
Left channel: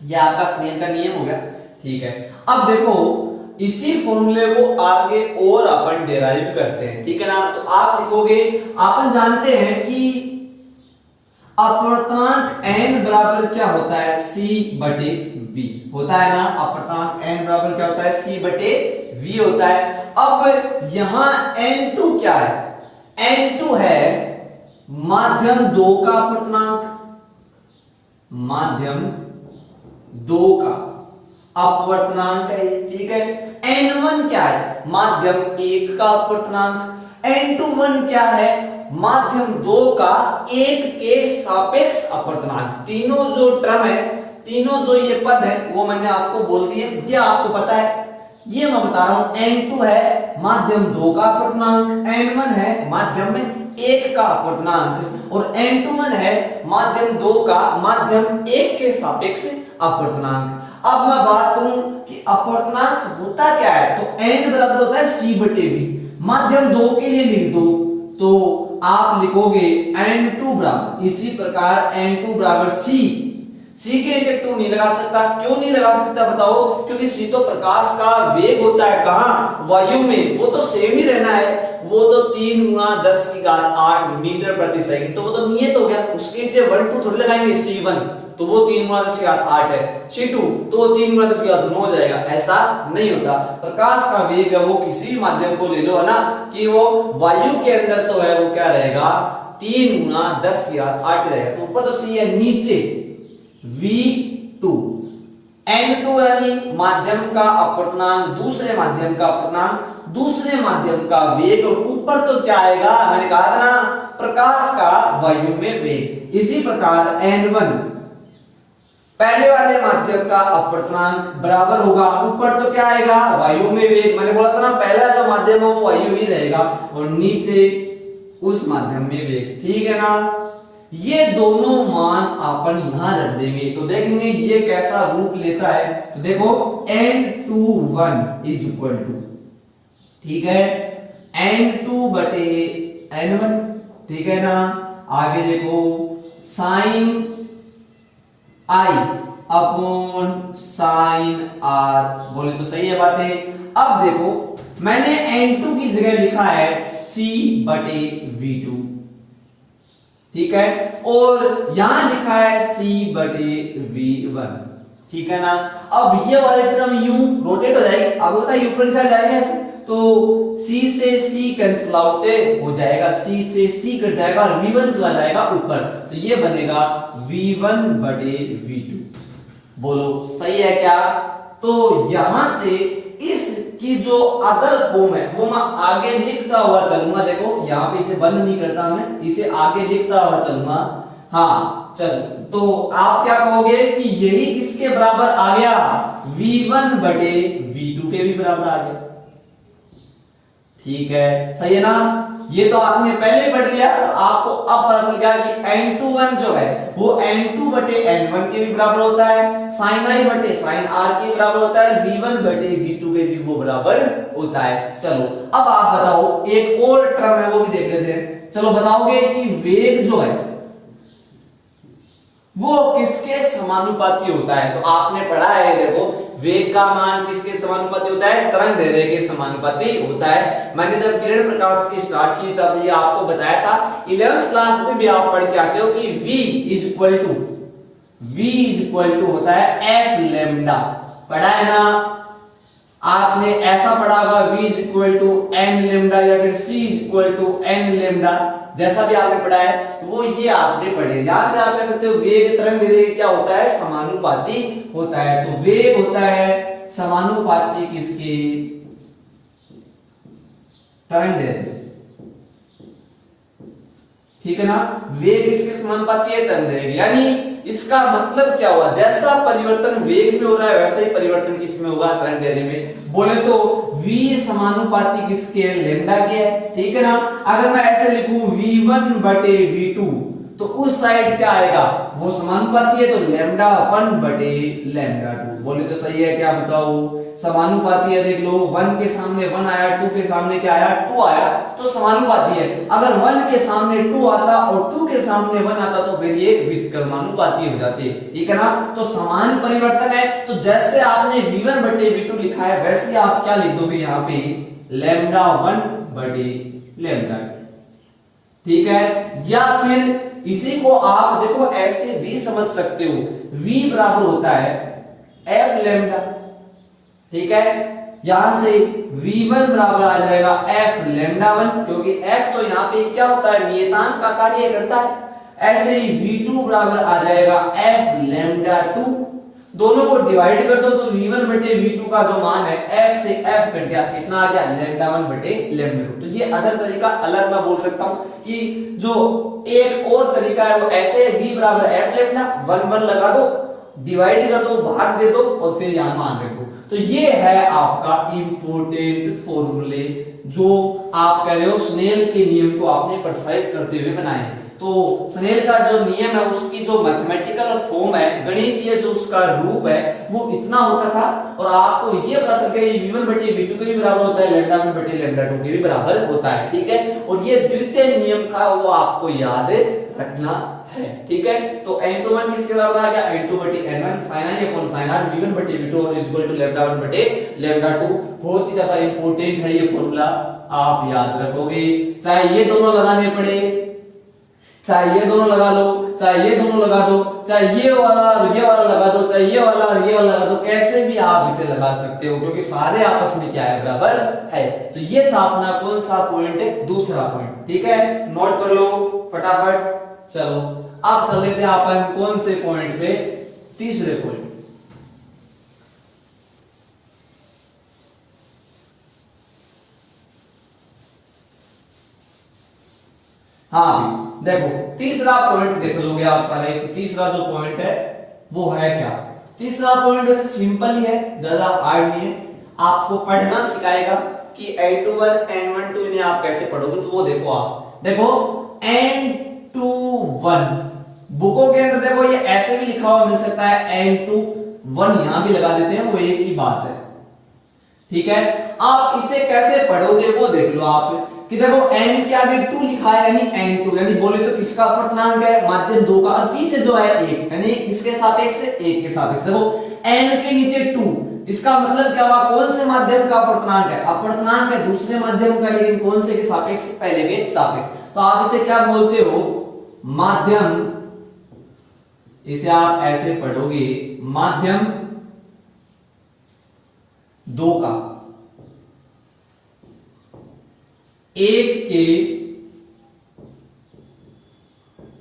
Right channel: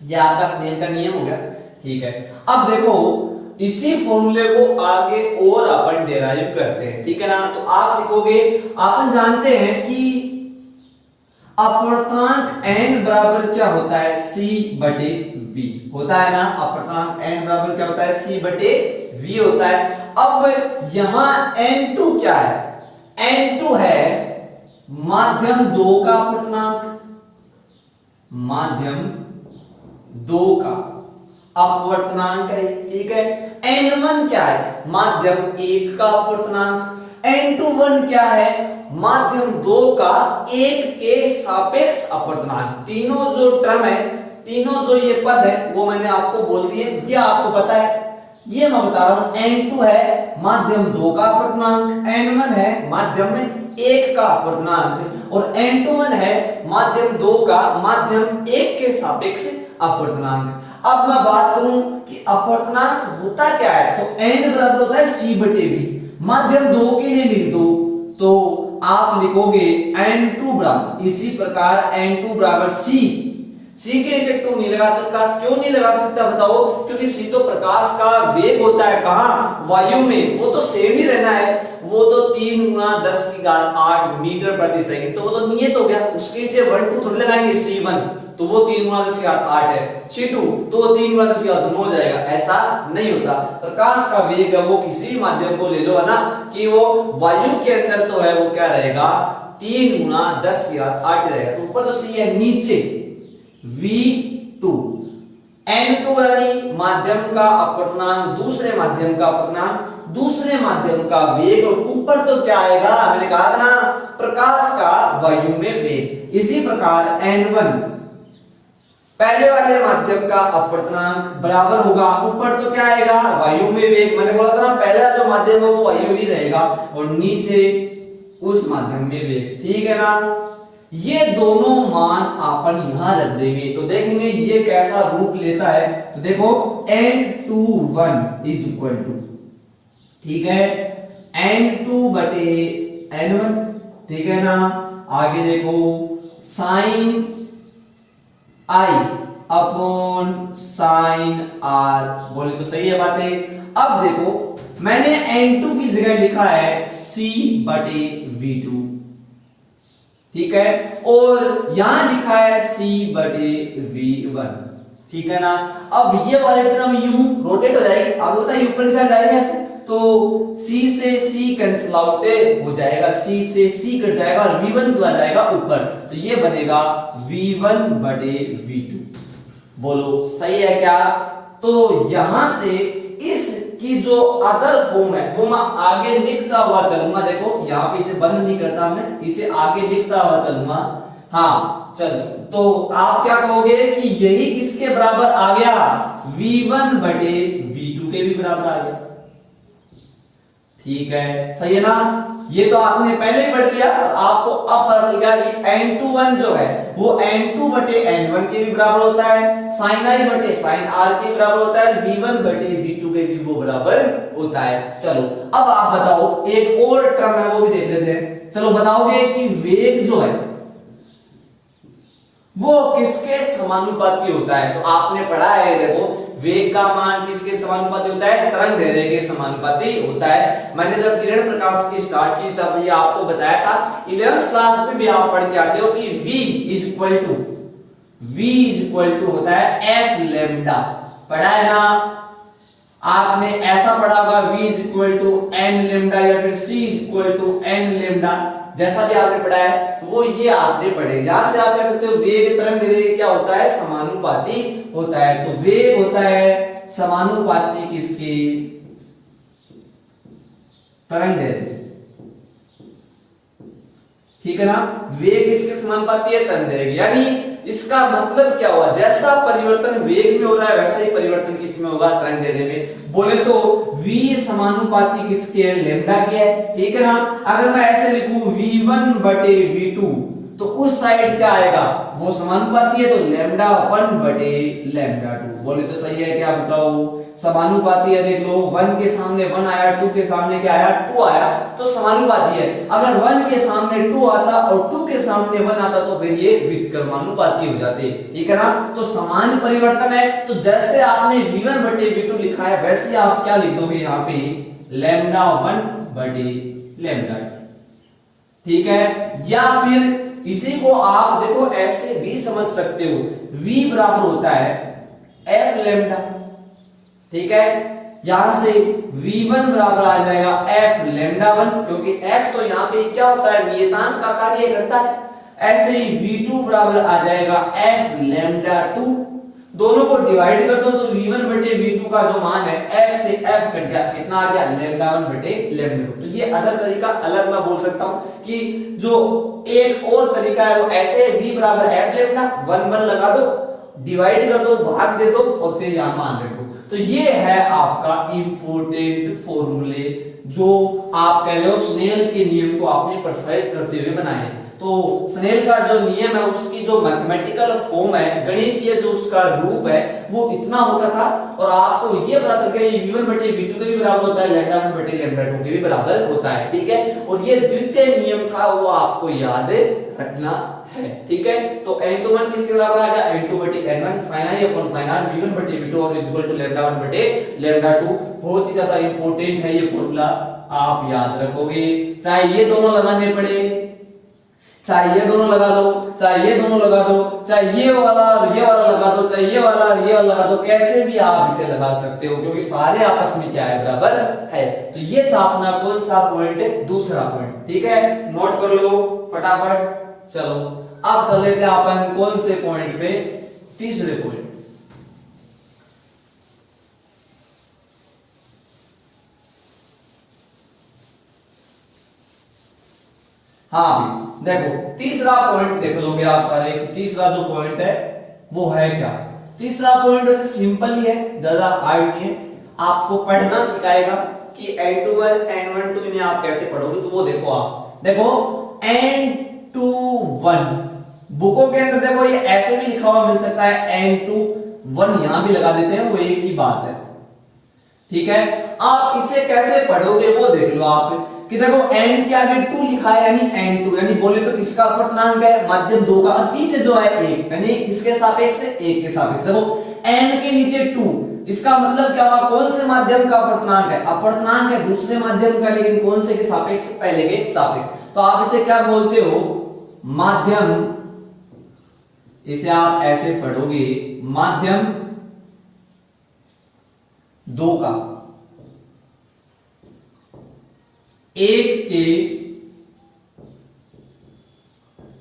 यह आपका स्नेल का नियम हो गया। ठीक है, अब देखो इसी फॉर्मूले को आगे और अपन डेराइव करते हैं। ठीक है ना, तो आप लिखोगे, अपन जानते हैं कि अपवर्तनांक n बराबर क्या होता है, c बटे v होता है ना, अपवर्तनांक n बराबर क्या होता है, c बटे v होता है। अब यहां n2 क्या है, n2 है माध्यम 2 का अपर्तनांक, माध्यम 2 का अपवर्तनांक है, ठीक है। n1 क्या है, माध्यम 1 का अपवर्तनांक। n21 क्या है, माध्यम 2 का 1 के सापेक्ष अपवर्तनांक। तीनों जो टर्म है, तीनों जो ये पद है वो मैंने आपको बोल दिए, ये आपको पता है, ये मैं बता रहा हूं। n2 है माध्यम 2 का अपवर्तनांक, n1 है माध्यम में 1 का अपवर्तनांक और n21 है माध्यम 2 का माध्यम 1 के सापेक्ष अपवर्तनांक। अब मैं बात करूं कि अपवर्तनांक होता क्या है, तो n बराबर होता है c/v। माध्यम 2 के लिए लिख दो तो आप लिखोगे n2 बराबर, इसी प्रकार n2 बराबर c के नीचे 2 नहीं लगा सकता। क्यों नहीं लगा सकता बताओ, क्योंकि c तो प्रकाश का वेग होता है, कहां, वायु में, वो तो सेम ही रहना है, वो तो 3 × 10⁸ मीटर प्रति सेकंड, तो वो तो नियत हो गया। उसके नीचे 1 2 थोड़ी लगाएंगे, c1 तो वो 3 × 10⁸ है, c2 तो वो 3 × 10⁹ हो जाएगा। ऐसा नहीं होता, प्रकाश का वेग है वो किसी भी माध्यम को ले लो है ना, कि वो वायु के अंदर तो है वो क्या रहेगा, 3 × 10⁸ रहेगा। तो ऊपर तो c है, नीचे v2, n2 यानी माध्यम का अपवर्तनांक, दूसरे माध्यम का अपवर्तनांक, दूसरे माध्यम का वेग, और ऊपर तो क्या आएगा, मैंने कहा था ना, प्रकाश का वायु में वेग। इसी प्रकार n1 पहले वाले माध्यम का अपवर्तनांक बराबर होगा, ऊपर तो क्या आएगा, वायु में वेग। मैंने बोला था ना, पहला जो माध्यम है वो वायु ही रहेगा और नीचे उस माध्यम में वेग, ठीक है ना। ये दोनों मान अपन यहां रख देंगे तो देखेंगे ये कैसा रूप लेता है। तो देखो n21 इज इक्वल टू, ठीक है, n2/n1, ठीक है ना। आगे देखो sin i upon sin r, बोले तो सही है बातें। अब देखो मैंने n2 की जगह लिखा है c/v2, ठीक है, और यहां लिखा है c/v1, ठीक है ना। अब ये वाले टर्म यू रोटेट हो जाएगी, अब होता है ऊपर से जाएगा ऐसे, तो c से c कैंसिल आउट हो जाएगा, c से c कट जाएगा और v1 चला जाएगा ऊपर, तो ये बनेगा v1/v2। बोलो सही है क्या। तो यहां से इसकी जो अदर फॉर्म है वो मैं आगे लिखता हुआ चलूंगा। देखो यहां पे इसे बंद नहीं करता, मैं इसे आगे लिखता हुआ चलूंगा। हाँ चल, तो आप क्या कहोगे कि यही किसके बराबर आ गया, v1/v2 के भी बराबर आ गया, ठीक है, सही है ना। ये तो आपने पहले ही पढ़ दिया और आपको अब पता चल गया कि n21 जो है वो n2/n1 के भी बराबर होता है, sin i/sin r के बराबर होता है, v1/v2 के भी वो बराबर होता है। चलो अब आप बताओ, एक और टर्म है वो भी देख लेते हैं। चलो बताओगे कि वेग जो है वो किसके समानुपाती होता है। तो आपने पढ़ा है, देखो वेग का मान किसके समानुपाती होता है, तरंग दैर्ध्य के समानुपाती होता है। मैंने जब किरण प्रकाश की स्टार्ट की तब ये आपको बताया था, 11th क्लास में भी आप पढ़ के आते हो कि v इज इक्वल टू होता है f लैम्डा, पढ़ा है ना आपने, ऐसा पढ़ा होगा v is equal to n lambda या फिर c is equal to n lambda, जैसा भी आपने पढ़ा है वो ये आपने पढ़े। यहां से आप कह सकते हो वेग तरंग दैर्ध्य क्या होता है, समानुपाती होता है। तो वेग होता है समानुपाती किसके, तरंग दैर्ध्य, ठीक है ना। वेग इसके समानुपाती है तरंग दैर्ध्य, यानी इसका मतलब क्या हुआ, जैसा परिवर्तन वेग में हो रहा है वैसा ही परिवर्तन किसमें होगा, तरंग दैर्ध्य में। बोले तो v समानुपाती किसके है, लैम्डा के है, ठीक है ना। अगर मैं ऐसे लिखूं v1/v2 तो उस साइड क्या आएगा, वो समानुपाती है तो λ1/λ2। बोले तो सही है क्या बताओ, समानुपाती है। देख लो 1 के सामने 1 आया, 2 के सामने क्या आया, 2 आया, तो समानुपाती है। अगर 1 के सामने 2 आता और 2 के सामने 1 आता तो फिर ये व्युत्क्रमानुपाती हो जाते, ठीक है ना। तो समान परिवर्तन है, तो जैसे आपने v1/v2 लिखा है वैसे आप क्या लिख दोगे यहाँ पे, λ1/λ2, ठीक है। या फिर इसी को आप देखो ऐसे भी समझ सकते हो, v बराबर होता है f लैम्डा, ठीक है, यहां से v1 बराबर आ जाएगा f लैम्डा 1, क्योंकि f तो यहाँ पे क्या होता है, नियतांक का कार्य करता है। ऐसे ही v2 बराबर आ जाएगा f लैम्डा 2, दोनों को डिवाइड कर दो तो v1 बटे v2 का जो मान है f से f कट गया, कितना आ गया, लैम्डा 1 बटे लैम्डा 2। तो ये अलग तरीका, अलग मैं बोल सकता हूं कि जो एक और तरीका है वो ऐसे v बराबर f लैम्डा 1 1 लगा दो, डिवाइड कर दो, भाग दे दो और फिर यहां मान रखो। तो ये है आपका इंपॉर्टेंट फॉर्मूले जो आप कह रहे हो स्नेल के नियम को आपने प्रसारित करते हुए बनाए। तो स्नेल का जो नियम है उसकी जो मैथमेटिकल फॉर्म है, गणितीय जो उसका रूप है वो इतना होता था, और आपको ये पता चल गया v1 बटे v2 के भी बराबर होता है, लैम्डा 1 बटे लैम्डा 2 के भी बराबर होता है, ठीक है। और ये द्वितीय नियम था वो आपको याद रखना है, ठीक है। तो n21 किसके बराबर आ गया, n2 बटे n1 sin i upon sin r v1 बटे v2 और इज इक्वल टू लैम्डा 1 बटे लैम्डा 2। बहुत ही ज्यादा इंपॉर्टेंट है ये फॉर्मूला, आप याद रखोगे, चाहे ये दोनों लगाने पड़े, चाहे ये दोनों लगा दो, चाहे ये दोनों लगा दो, चाहे ये वाला और ये वाला लगा दो, चाहे ये वाला और ये वाला लगा दो, कैसे भी आप इसे लगा सकते हो क्योंकि सारे आपस में क्या है, बराबर है। तो ये था अपना कौन सा पॉइंट है, दूसरा पॉइंट, ठीक है। नोट कर लो फटाफट। चलो अब चल लेते हैं अपन कौन से पॉइंट पे, तीसरे पॉइंट। हाँ देखो तीसरा पॉइंट देख लोगे आप सारे, तीसरा जो पॉइंट है वो है क्या, तीसरा पॉइंट वैसे सिंपल ही है, ज्यादा हार्ड नहीं है, आपको पढ़ना सिखाएगा कि n21 n12 इन्हें आप कैसे पढ़ोगे। तो वो देखो, आप देखो n21 बुकों के अंदर देखो ये ऐसे भी लिखा हुआ मिल सकता है, n21 यहां भी लगा देते हैं, वो एक ही बात है, ठीक है। आप इसे कैसे पढ़ोगे वो देख लो आप, कि देखो n के आगे 2 लिखा है यानी n2, यानी बोले तो किसका अपवर्तनांक है, माध्यम 2 का, और पीछे जो है 1 यानी किसके सापेक्ष है, 1 के सापेक्ष। देखो n के नीचे 2, इसका मतलब क्या हुआ, कौन से माध्यम का अपवर्तनांक है, अपवर्तनांक है दूसरे माध्यम का, लेकिन कौन से के सापेक्ष, पहले के सापेक्ष। तो आप इसे क्या बोलते हो, माध्यम, इसे आप ऐसे पढ़ोगे, माध्यम 2 का 1 के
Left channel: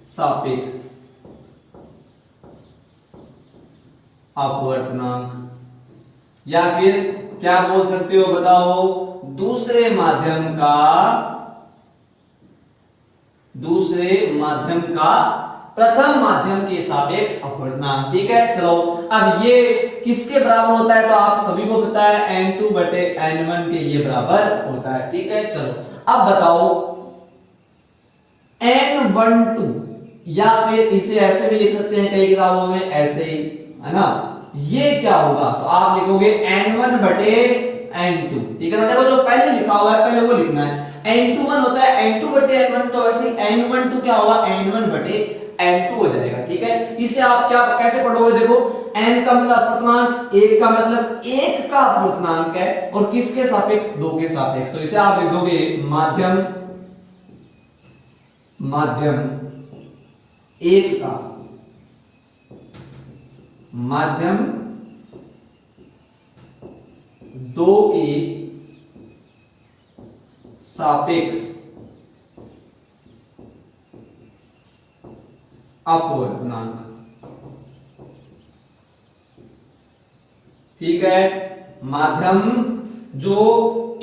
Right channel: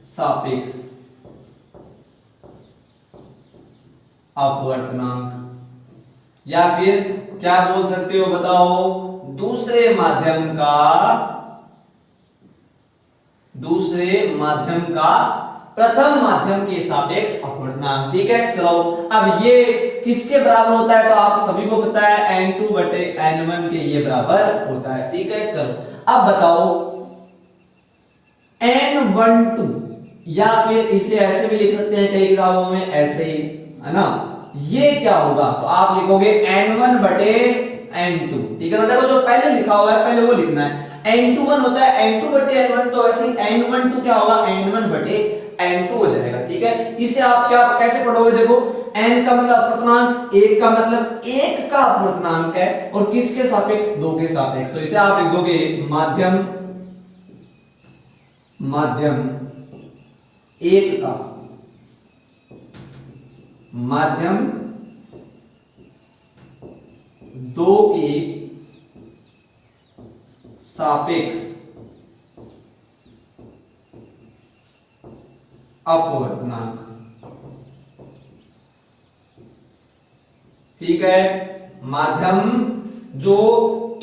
सापेक्ष अपवर्तनांक, या फिर क्या बोल सकते हो बताओ, दूसरे माध्यम का प्रथम माध्यम के सापेक्ष अपवर्तनांक, ठीक है। चलो अब ये किसके बराबर होता है, तो आप सभी को पता है n2 बटे n1 के ये बराबर होता है, ठीक है। चलो अब बताओ n12, या फिर इसे ऐसे भी लिख सकते हैं कई किताबों में ऐसे ही, है ना, ये क्या होगा, तो आप लिखोगे n1 बटे n2, ठीक है ना। देखो जो पहले लिखा हुआ है पहले वो लिखना है, n21 होता है n2 बटे n1, तो ऐसे ही n12 क्या होगा, n1 बटे n2 हो जाएगा, ठीक है। इसे आप क्या कैसे पढ़ोगे, देखो n का मतलब अपवर्तनांक, 1 का मतलब 1 का अपवर्तनांक है, और किसके सापेक्ष, 2 के सापेक्ष। तो इसे आप लिख दोगे माध्यम 1 का, माध्यम 2 के सापेक्ष अपवर्तनांक, ठीक है। माध्यम जो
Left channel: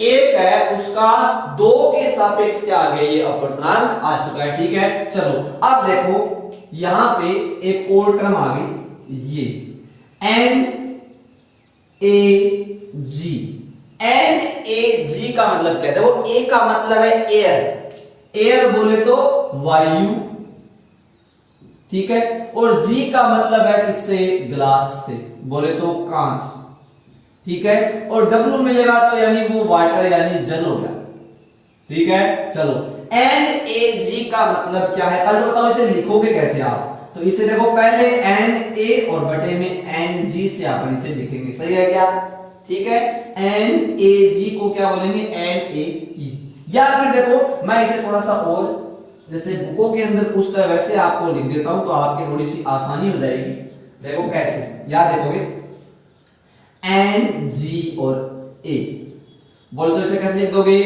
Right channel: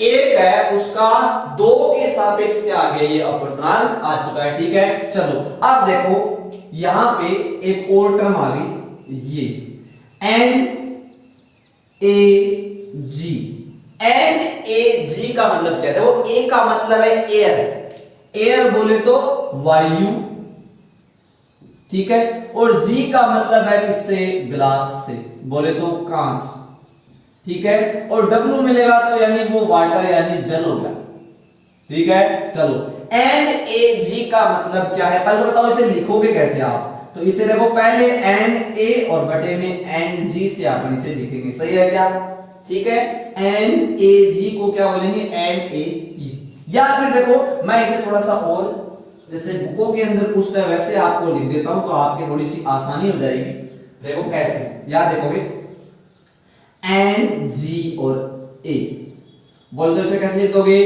1 है उसका 2 के सापेक्ष क्या आ गया, ये अपवर्तनांक आ चुका है, ठीक है। चलो अब देखो यहां पे एक और टर्म आ गई, ये NAG का मतलब क्या है, देखो A का मतलब है एयर बोले तो वायु, ठीक है, और G का मतलब है किससे, ग्लास से, बोले तो कांच, ठीक है। और W मिलेगा तो यानी वो वाटर यानी जल हो गया, ठीक है। चलो NAG का मतलब क्या है, पहले बताओ इसे लिखोगे कैसे आप, तो इसे देखो पहले Na और बटे में Ng से अपन इसे लिखेंगे, सही है क्या, ठीक है। NAG को क्या बोलेंगे, NAE, या फिर देखो मैं इसे थोड़ा सा और जैसे बुकों के अंदर पूछता है वैसे आपको लिख देता हूं, तो आपकी थोड़ी सी आसानी हो जाएगी। देखो कैसे याद देखोगे, Ng और ए। बोले तो इसे कैसे लिख दोगे,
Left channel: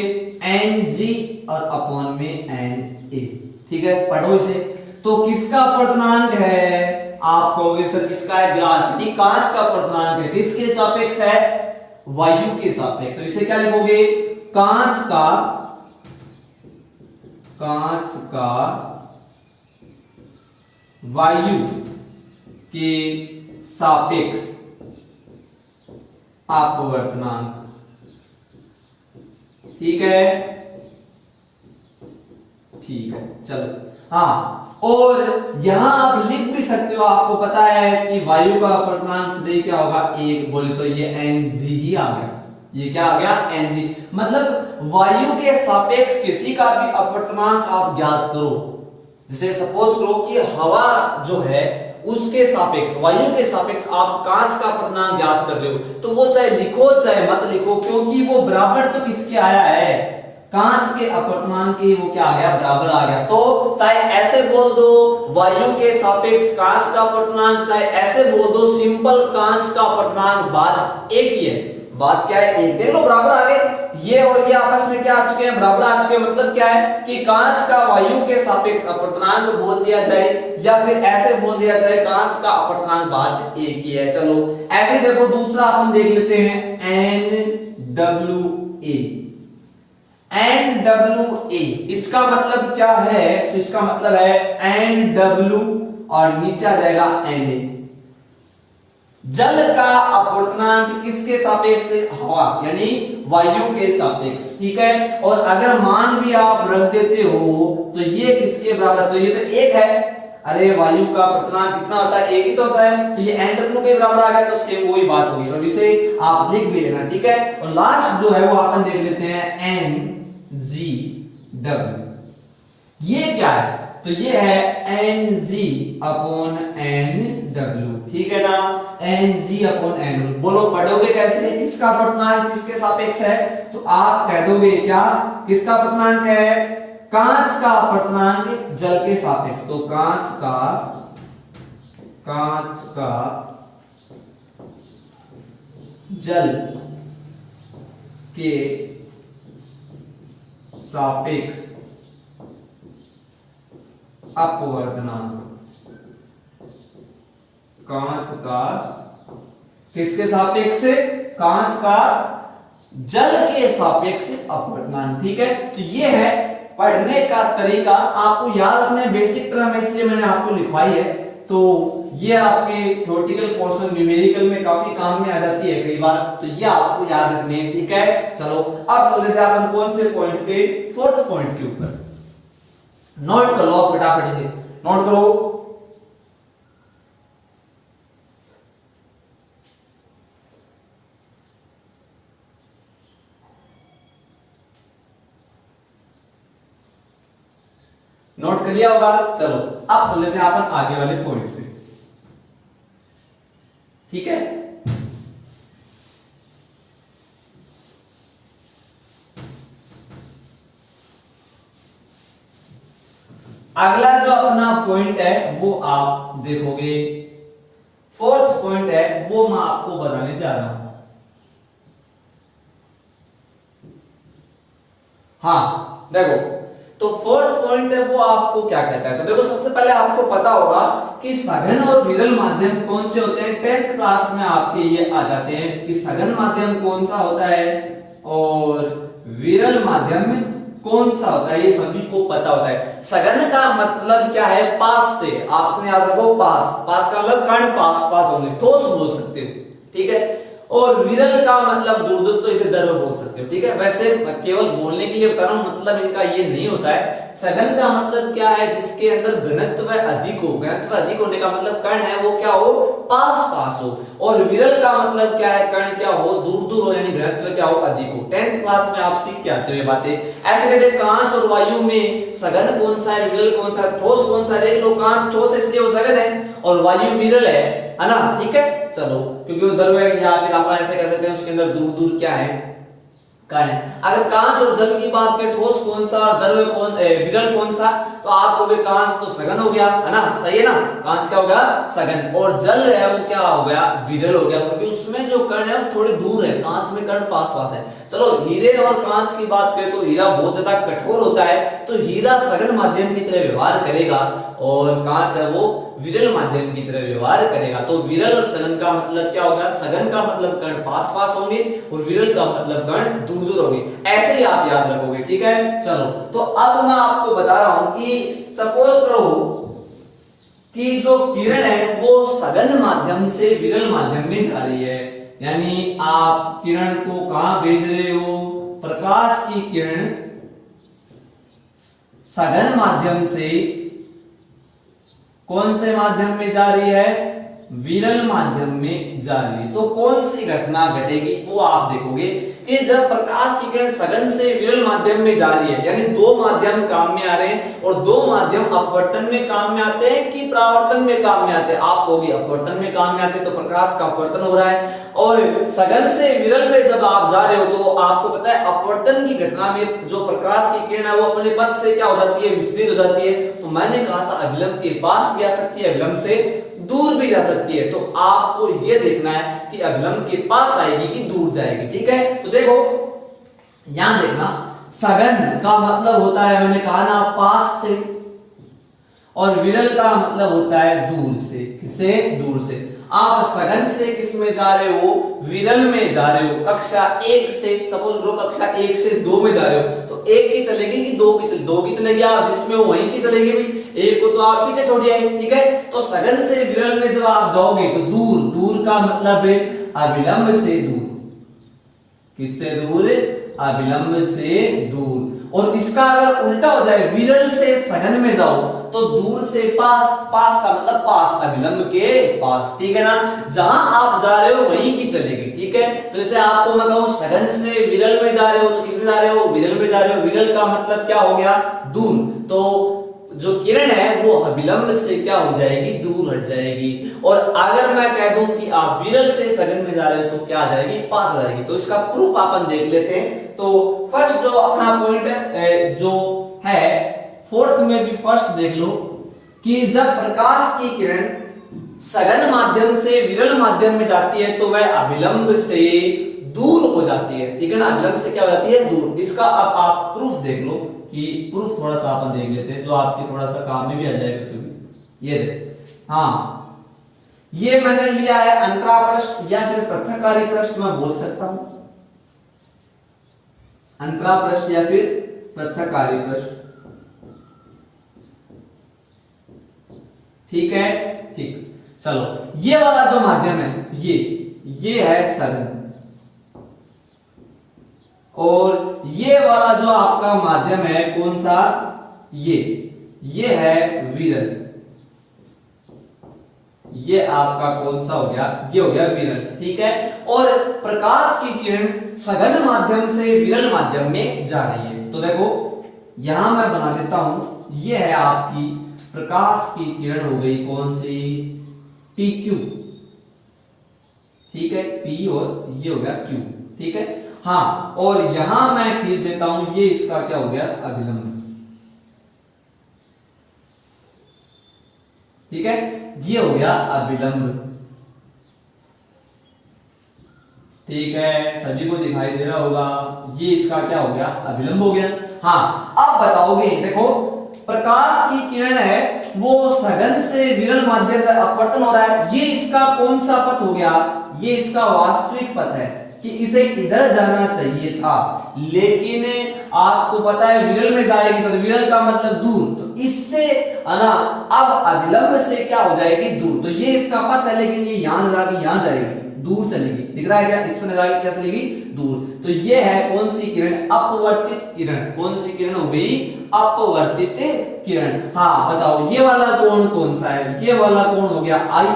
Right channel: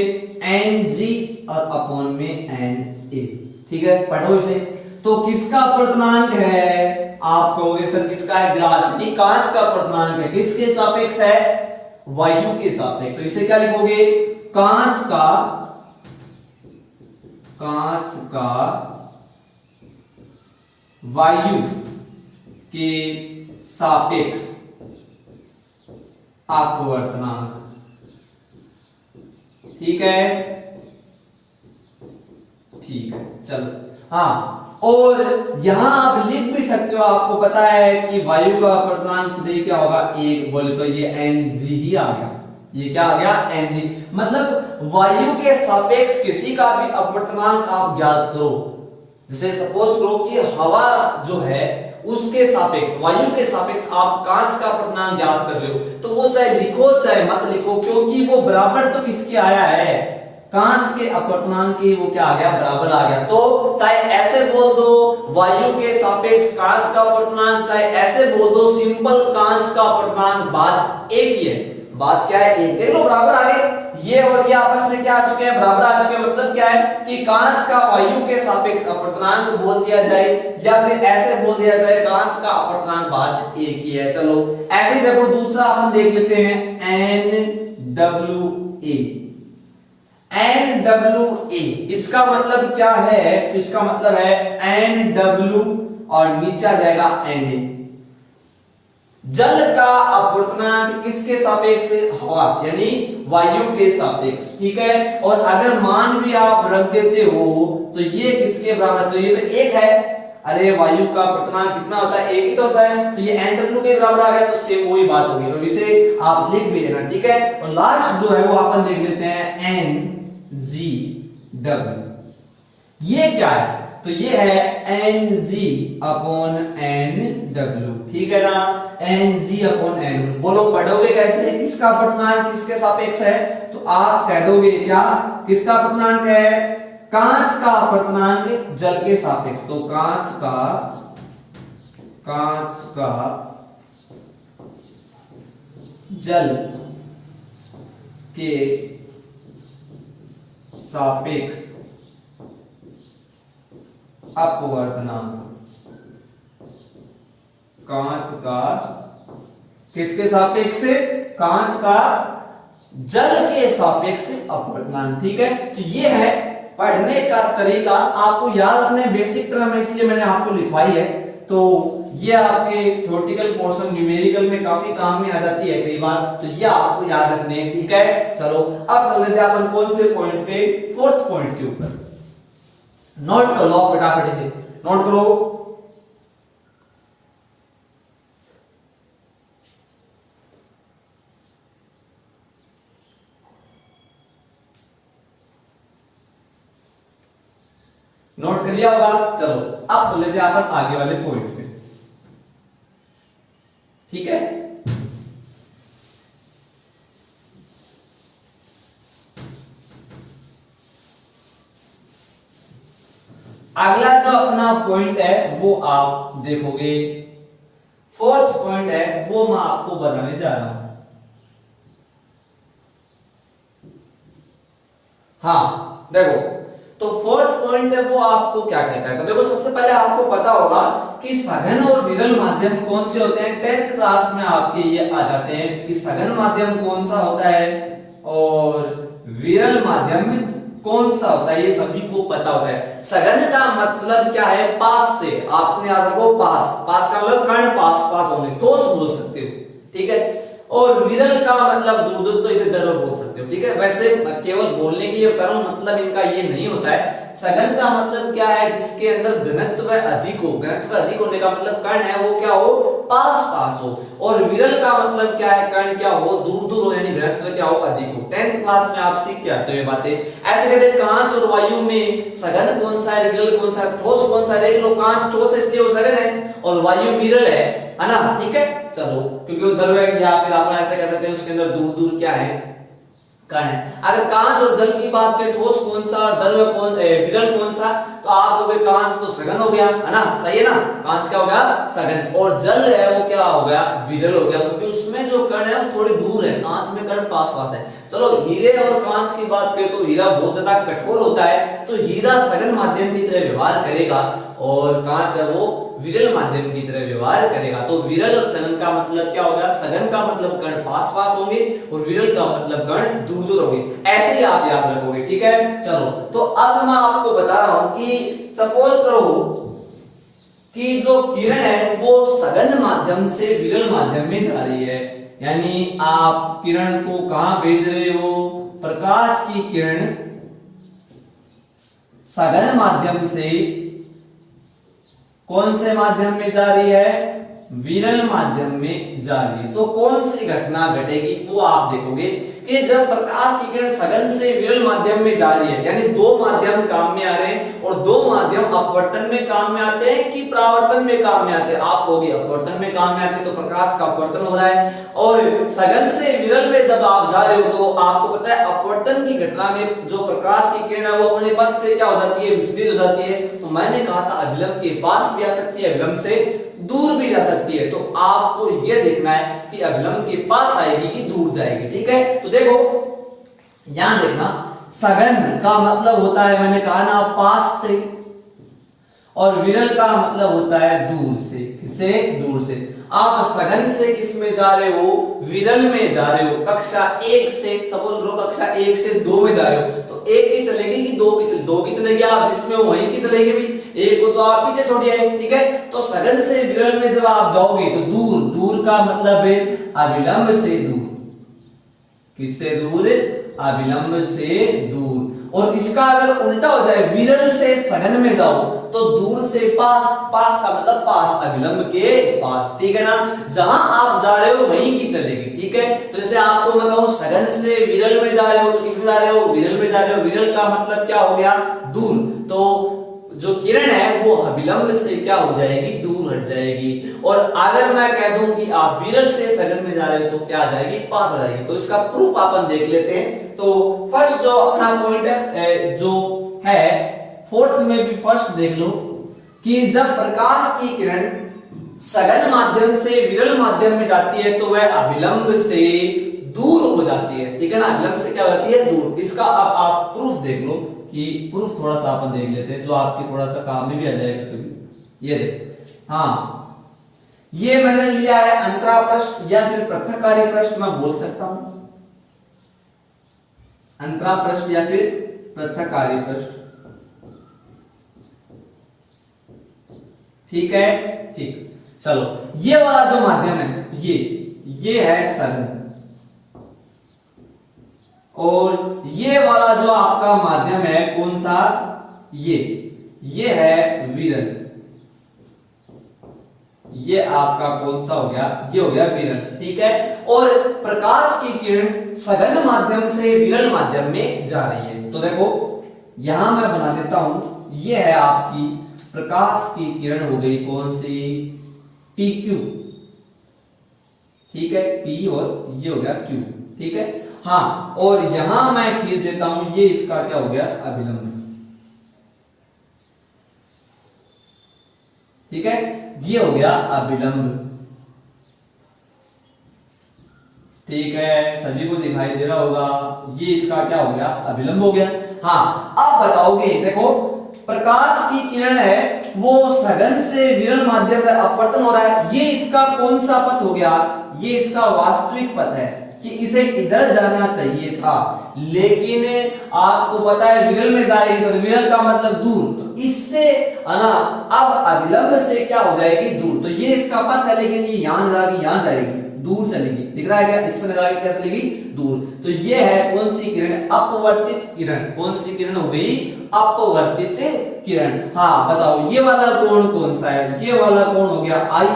एन जी और अपॉन में एन ए। ठीक है, पढ़ो इसे। तो किसका अपर्तनांक है, आप कहोगे सर किसका है, ग्लास यानी कांच का अपर्तनांक है। किसके सापेक्ष है, वायु के सापेक्ष। तो इसे क्या लिखोगे, कांच का वायु के सापेक्ष अपवर्तनांक। ठीक है, ठीक है, चलो। हाँ, और यहां आप लिख भी सकते हो, आपको पता है कि वायु का अपर्तनांक सीधे क्या होगा, एक। बोले तो ये एन जी ही आ गया। ये क्या आ गया, एन जी। मतलब वायु के सापेक्ष किसी का भी अपर्तनांक आप ज्ञात करो। जैसे सपोज करो कि हवा जो है उसके सापेक्ष, वायु के सापेक्ष आप कांच का अपर्तनांक ज्ञात कर रहे हो, तो वो चाहे लिखो चाहे मत लिखो, क्योंकि वो बराबर तो किसके आया है, कांच के अपर्तनांक के वो क्या आ गया, बराबर आ गया। तो चाहे ऐसे बोल दो वायु के सापेक्ष कांच का अपर्तनांक, चाहे ऐसे बोल दो सिंपल कांच का अपर्तनांक, बात एक ही है। बात क्या है, एक। देख लो बराबर आ गए, ये और ये आपस में क्या आ चुके हैं, बराबर आ चुके हैं। मतलब क्या है कि कांच का वायु के सापेक्ष अपर्तनांक बोल दिया जाए या फिर ऐसे बोल दिया जाए कांच का अपर्तनांक, बात एक ही है। चलो ऐसे देखो, दूसरा अपन देख लेते हैं, N W A. N W A इसका मतलब क्या है, तो इसका मतलब है एन डब्ल्यू और नीचे आ जाएगा एन ए। जल का अपर्तनांक किसके सापेक्ष, हवा यानी वायु के सापेक्ष। ठीक है, और अगर मान भी आप रख देते हो तो ये किसके बराबर, तो ये तो एक है। अरे वायु का अपर्तनांक कितना होता है, एक ही तो होता है। तो ये एन डब्ल्यू के बराबर आ गया, तो सेम वही बात होगी, और इसे आप लिख भी लेना। ठीक है, और लास्ट जो है वो अपन देख लेते हैं, एन जी डब्ल्यू। ये क्या है, तो ये है एन जी अपॉन एन डब्ल्यू। ठीक है ना, एन जी अपॉन एन। बोलो पढ़ोगे कैसे, किसका अपर्तनांक किसके सापेक्ष है, तो आप कह दोगे क्या, किसका अपर्तनांक है, कांच का अपर्तनांक जल के सापेक्ष। तो कांच का जल के सापेक्ष अपवर्तनांक, कांच का किसके सापेक्ष, कांच का जल के सापेक्ष अपवर्तनांक। ठीक है, तो ये है पढ़ने का तरीका। आपको याद रखना है बेसिक टर्म, इसलिए मैंने आपको लिखवाई है। तो ये आपके थ्योरेटिकल पोर्शन न्यूमेरिकल में काफी काम में आ जाती है कई बार, तो ये आपको याद रखनी है। ठीक है, चलो अब चल लेते हैं अपन कौन से पॉइंट पे, फोर्थ पॉइंट के ऊपर। नोट कर लो फटाफट से, नोट करो। नोट कर लिया होगा। चलो अब चल लेते हैं अपन आगे वाले पॉइंट पे। ठीक है, अगला जो अपना पॉइंट है वो आप देखोगे, फोर्थ पॉइंट है वो मैं आपको बताने जा रहा हूं। हाँ देखो, तो फोर्थ पॉइंट है वो आपको क्या कहता है, तो देखो सबसे पहले आपको पता होगा कि सघन और विरल माध्यम कौन से होते हैं। 10th क्लास में आपके ये आ जाते हैं कि सघन माध्यम कौन सा होता है और विरल माध्यम में कौन सा होता है, ये सभी को पता होता है। सघन का मतलब क्या है, पास से, आपने याद रखो पास, पास का मतलब कण पास पास होने, ठोस बोल सकते हो। ठीक है, और विरल का मतलब दूर दूर, तो इसे द्रव बोल सकते हो। ठीक है, वैसे केवल बोलने के लिए बता रहा हूं, मतलब इनका ये नहीं होता है। सघन का मतलब क्या है, जिसके अंदर घनत्व अधिक हो। घनत्व अधिक होने का मतलब कण है वो क्या हो, पास पास हो। और विरल का मतलब क्या है, कण क्या हो, दूर दूर हो, यानी घनत्व क्या हो, अधिक हो। 10th क्लास में आप सीख के आते हो ये बातें। ऐसे कहते हैं कांच और वायु में सघन कौन सा है, विरल कौन सा है, ठोस कौन सा है। देख लो, कांच ठोस है इसलिए वो सघन है, और वायु विरल है ना। ठीक है, चलो, क्योंकि वो द्रव है, या फिर आप ऐसे कह सकते हैं उसके अंदर दूर दूर क्या है, कण। अगर कांच और जल की बात करें, ठोस कौन सा और द्रव्य कौन, विरल कौन सा, तो आप कहोगे कांच तो सघन हो गया, है ना, सही है ना, कांच क्या हो गया, सघन, और जल है वो क्या हो गया, विरल हो गया, क्योंकि उसमें जो कण है वो थोड़े दूर है, कांच में कण पास पास है। चलो हीरे और कांच की बात करें तो हीरा बहुत ज्यादा कठोर होता है, तो हीरा सघन माध्यम की तरह व्यवहार करेगा और कांच है वो विरल माध्यम की तरह व्यवहार करेगा। तो विरल और सघन का मतलब क्या होगा, सघन का मतलब कण पास पास होंगे और विरल का मतलब कण दूर दूर होंगे, ऐसे ही आप याद रखोगे, ठीक है। चलो तो अब मैं आपको बता रहा हूं कि सपोज करो कि जो किरण है वो सघन माध्यम से विरल माध्यम में जा रही है, यानी आप किरण को कहां भेज रहे हो, प्रकाश की किरण सघन माध्यम से कौन से माध्यम में जा रही है, विरल माध्यम में जा रही है। तो कौन सी घटना घटेगी वो आप देखोगे कि जब प्रकाश की किरण सघन से विरल माध्यम में जा रही है, यानी दो माध्यम काम में आ रहे हैं और दो माध्यम अपवर्तन में काम में आते हैं कि परावर्तन में काम में आते हैं, आप कहोगे अपवर्तन में काम में आते हैं, तो प्रकाश का अपवर्तन हो रहा है। और सघन से विरल में जब आप जा रहे हो तो आपको पता है अपवर्तन की घटना में जो प्रकाश की किरण है वो अपने पथ से क्या हो जाती है, विचलित हो जाती है। तो मैंने कहा था अभिलंब के पास भी आ सकती है, अभिलंब से दूर भी जा सकती है, तो आपको यह देखना है कि अभिलंब के पास आएगी कि दूर जाएगी, ठीक है। तो देखो यहां देखना, सघन का मतलब होता है, मैंने कहा ना, पास से, और विरल का मतलब होता है दूर से। किससे, दूर से। आप सघन से किस में जा रहे हो, विरल में जा रहे हो, कक्षा 1 से, सपोज करो कक्षा 1 से 2 में जा रहे हो, तो 1 की चलेगी कि 2 की चलेगी, 2 की चलेगी, आप जिसमें हो वहीं की चलेगी भाई, 1 को तो आप पीछे छोड़िए, ठीक है। तो सघन से विरल में जब आप जाओगे तो दूर, दूर का मतलब है अभिलंब से दूर, किससे दूर, अभिलंब से दूर। और इसका अगर उल्टा हो जाए, विरल से सघन में जाओ तो दूर से पास, पास का मतलब पास, अभिलंब के पास, ठीक है ना, जहां आप जा रहे हो वहीं की चलेगी, ठीक है। तो जैसे आपको मैं कहूं सघन से विरल में जा रहे हो, तो किस में जा रहे हो, विरल में जा रहे हो, विरल का मतलब क्या हो गया, दूर, तो जो किरण है वो अभिलंब से क्या हो जाएगी, दूर हट जाएगी। और अगर मैं कह दूं कि आप विरल से सघन में जा रहे हो तो क्या आ जाएगी, पास आ जाएगी। तो इसका प्रूफ अपन देख लेते हैं। तो फर्स्ट जो अपना पॉइंट है, जो है फोर्थ में भी फर्स्ट देख लो कि जब प्रकाश की किरण सघन माध्यम से विरल माध्यम में जाती है तो वह अभिलंब से दूर हो जाती है, ठीक है ना, अभिलंब से क्या हो जाती है, दूर। इसका अब आप प्रूफ देख लो कि प्रूफ थोड़ा सा अपन देख लेते हैं जो आपके थोड़ा सा काम में भी आ जाएगा कभी। ये देख, हाँ, ये मैंने लिया है अंतरा पृष्ठ या फिर पृथककारी पृष्ठ, मैं बोल सकता हूं अंतरा पृष्ठ या फिर पृथककारी पृष्ठ, ठीक है, ठीक। चलो ये वाला जो माध्यम है ये है सघन, और ये वाला जो आपका माध्यम है कौन सा, ये है विरल, ये आपका कौन सा हो गया, ये हो गया विरल, ठीक है। और प्रकाश की किरण सघन माध्यम से विरल माध्यम में जा रही है। तो देखो यहां मैं बना देता हूं, ये है आपकी प्रकाश की किरण हो गई कौन सी, PQ, ठीक है, P और ये हो गया Q, ठीक है। हाँ, और यहां मैं खींच देता हूं, ये इसका क्या हो गया, अभिलंब, ठीक है, ये हो गया अभिलंब, ठीक है, सभी को दिखाई दे रहा होगा, ये इसका क्या हो गया, अभिलंब हो गया। हाँ, अब बताओगे, देखो प्रकाश की किरण है वो सघन से विरल माध्यम से अपवर्तन हो रहा है, ये इसका कौन सा पथ हो गया, ये इसका वास्तविक पथ है कि इसे इधर जाना चाहिए था, लेकिन आपको पता है विरल में जाएगी, तो विरल का मतलब दूर, तो इससे ना अब अभिलंब से क्या हो जाएगी, दूर। तो ये इसका पथ है, लेकिन ये यहां जाएगी, यहां जाएगी, दूर चलेगी, दिख रहा है क्या, इस पर जाएगी क्या चलेगी, दूर। तो ये है कौन सी किरण, अपवर्तित किरण, कौन सी किरण हो गई, अपवर्तित किरण। हाँ बताओ, ये वाला कोण कौन सा है, ये वाला कोण हो गया I,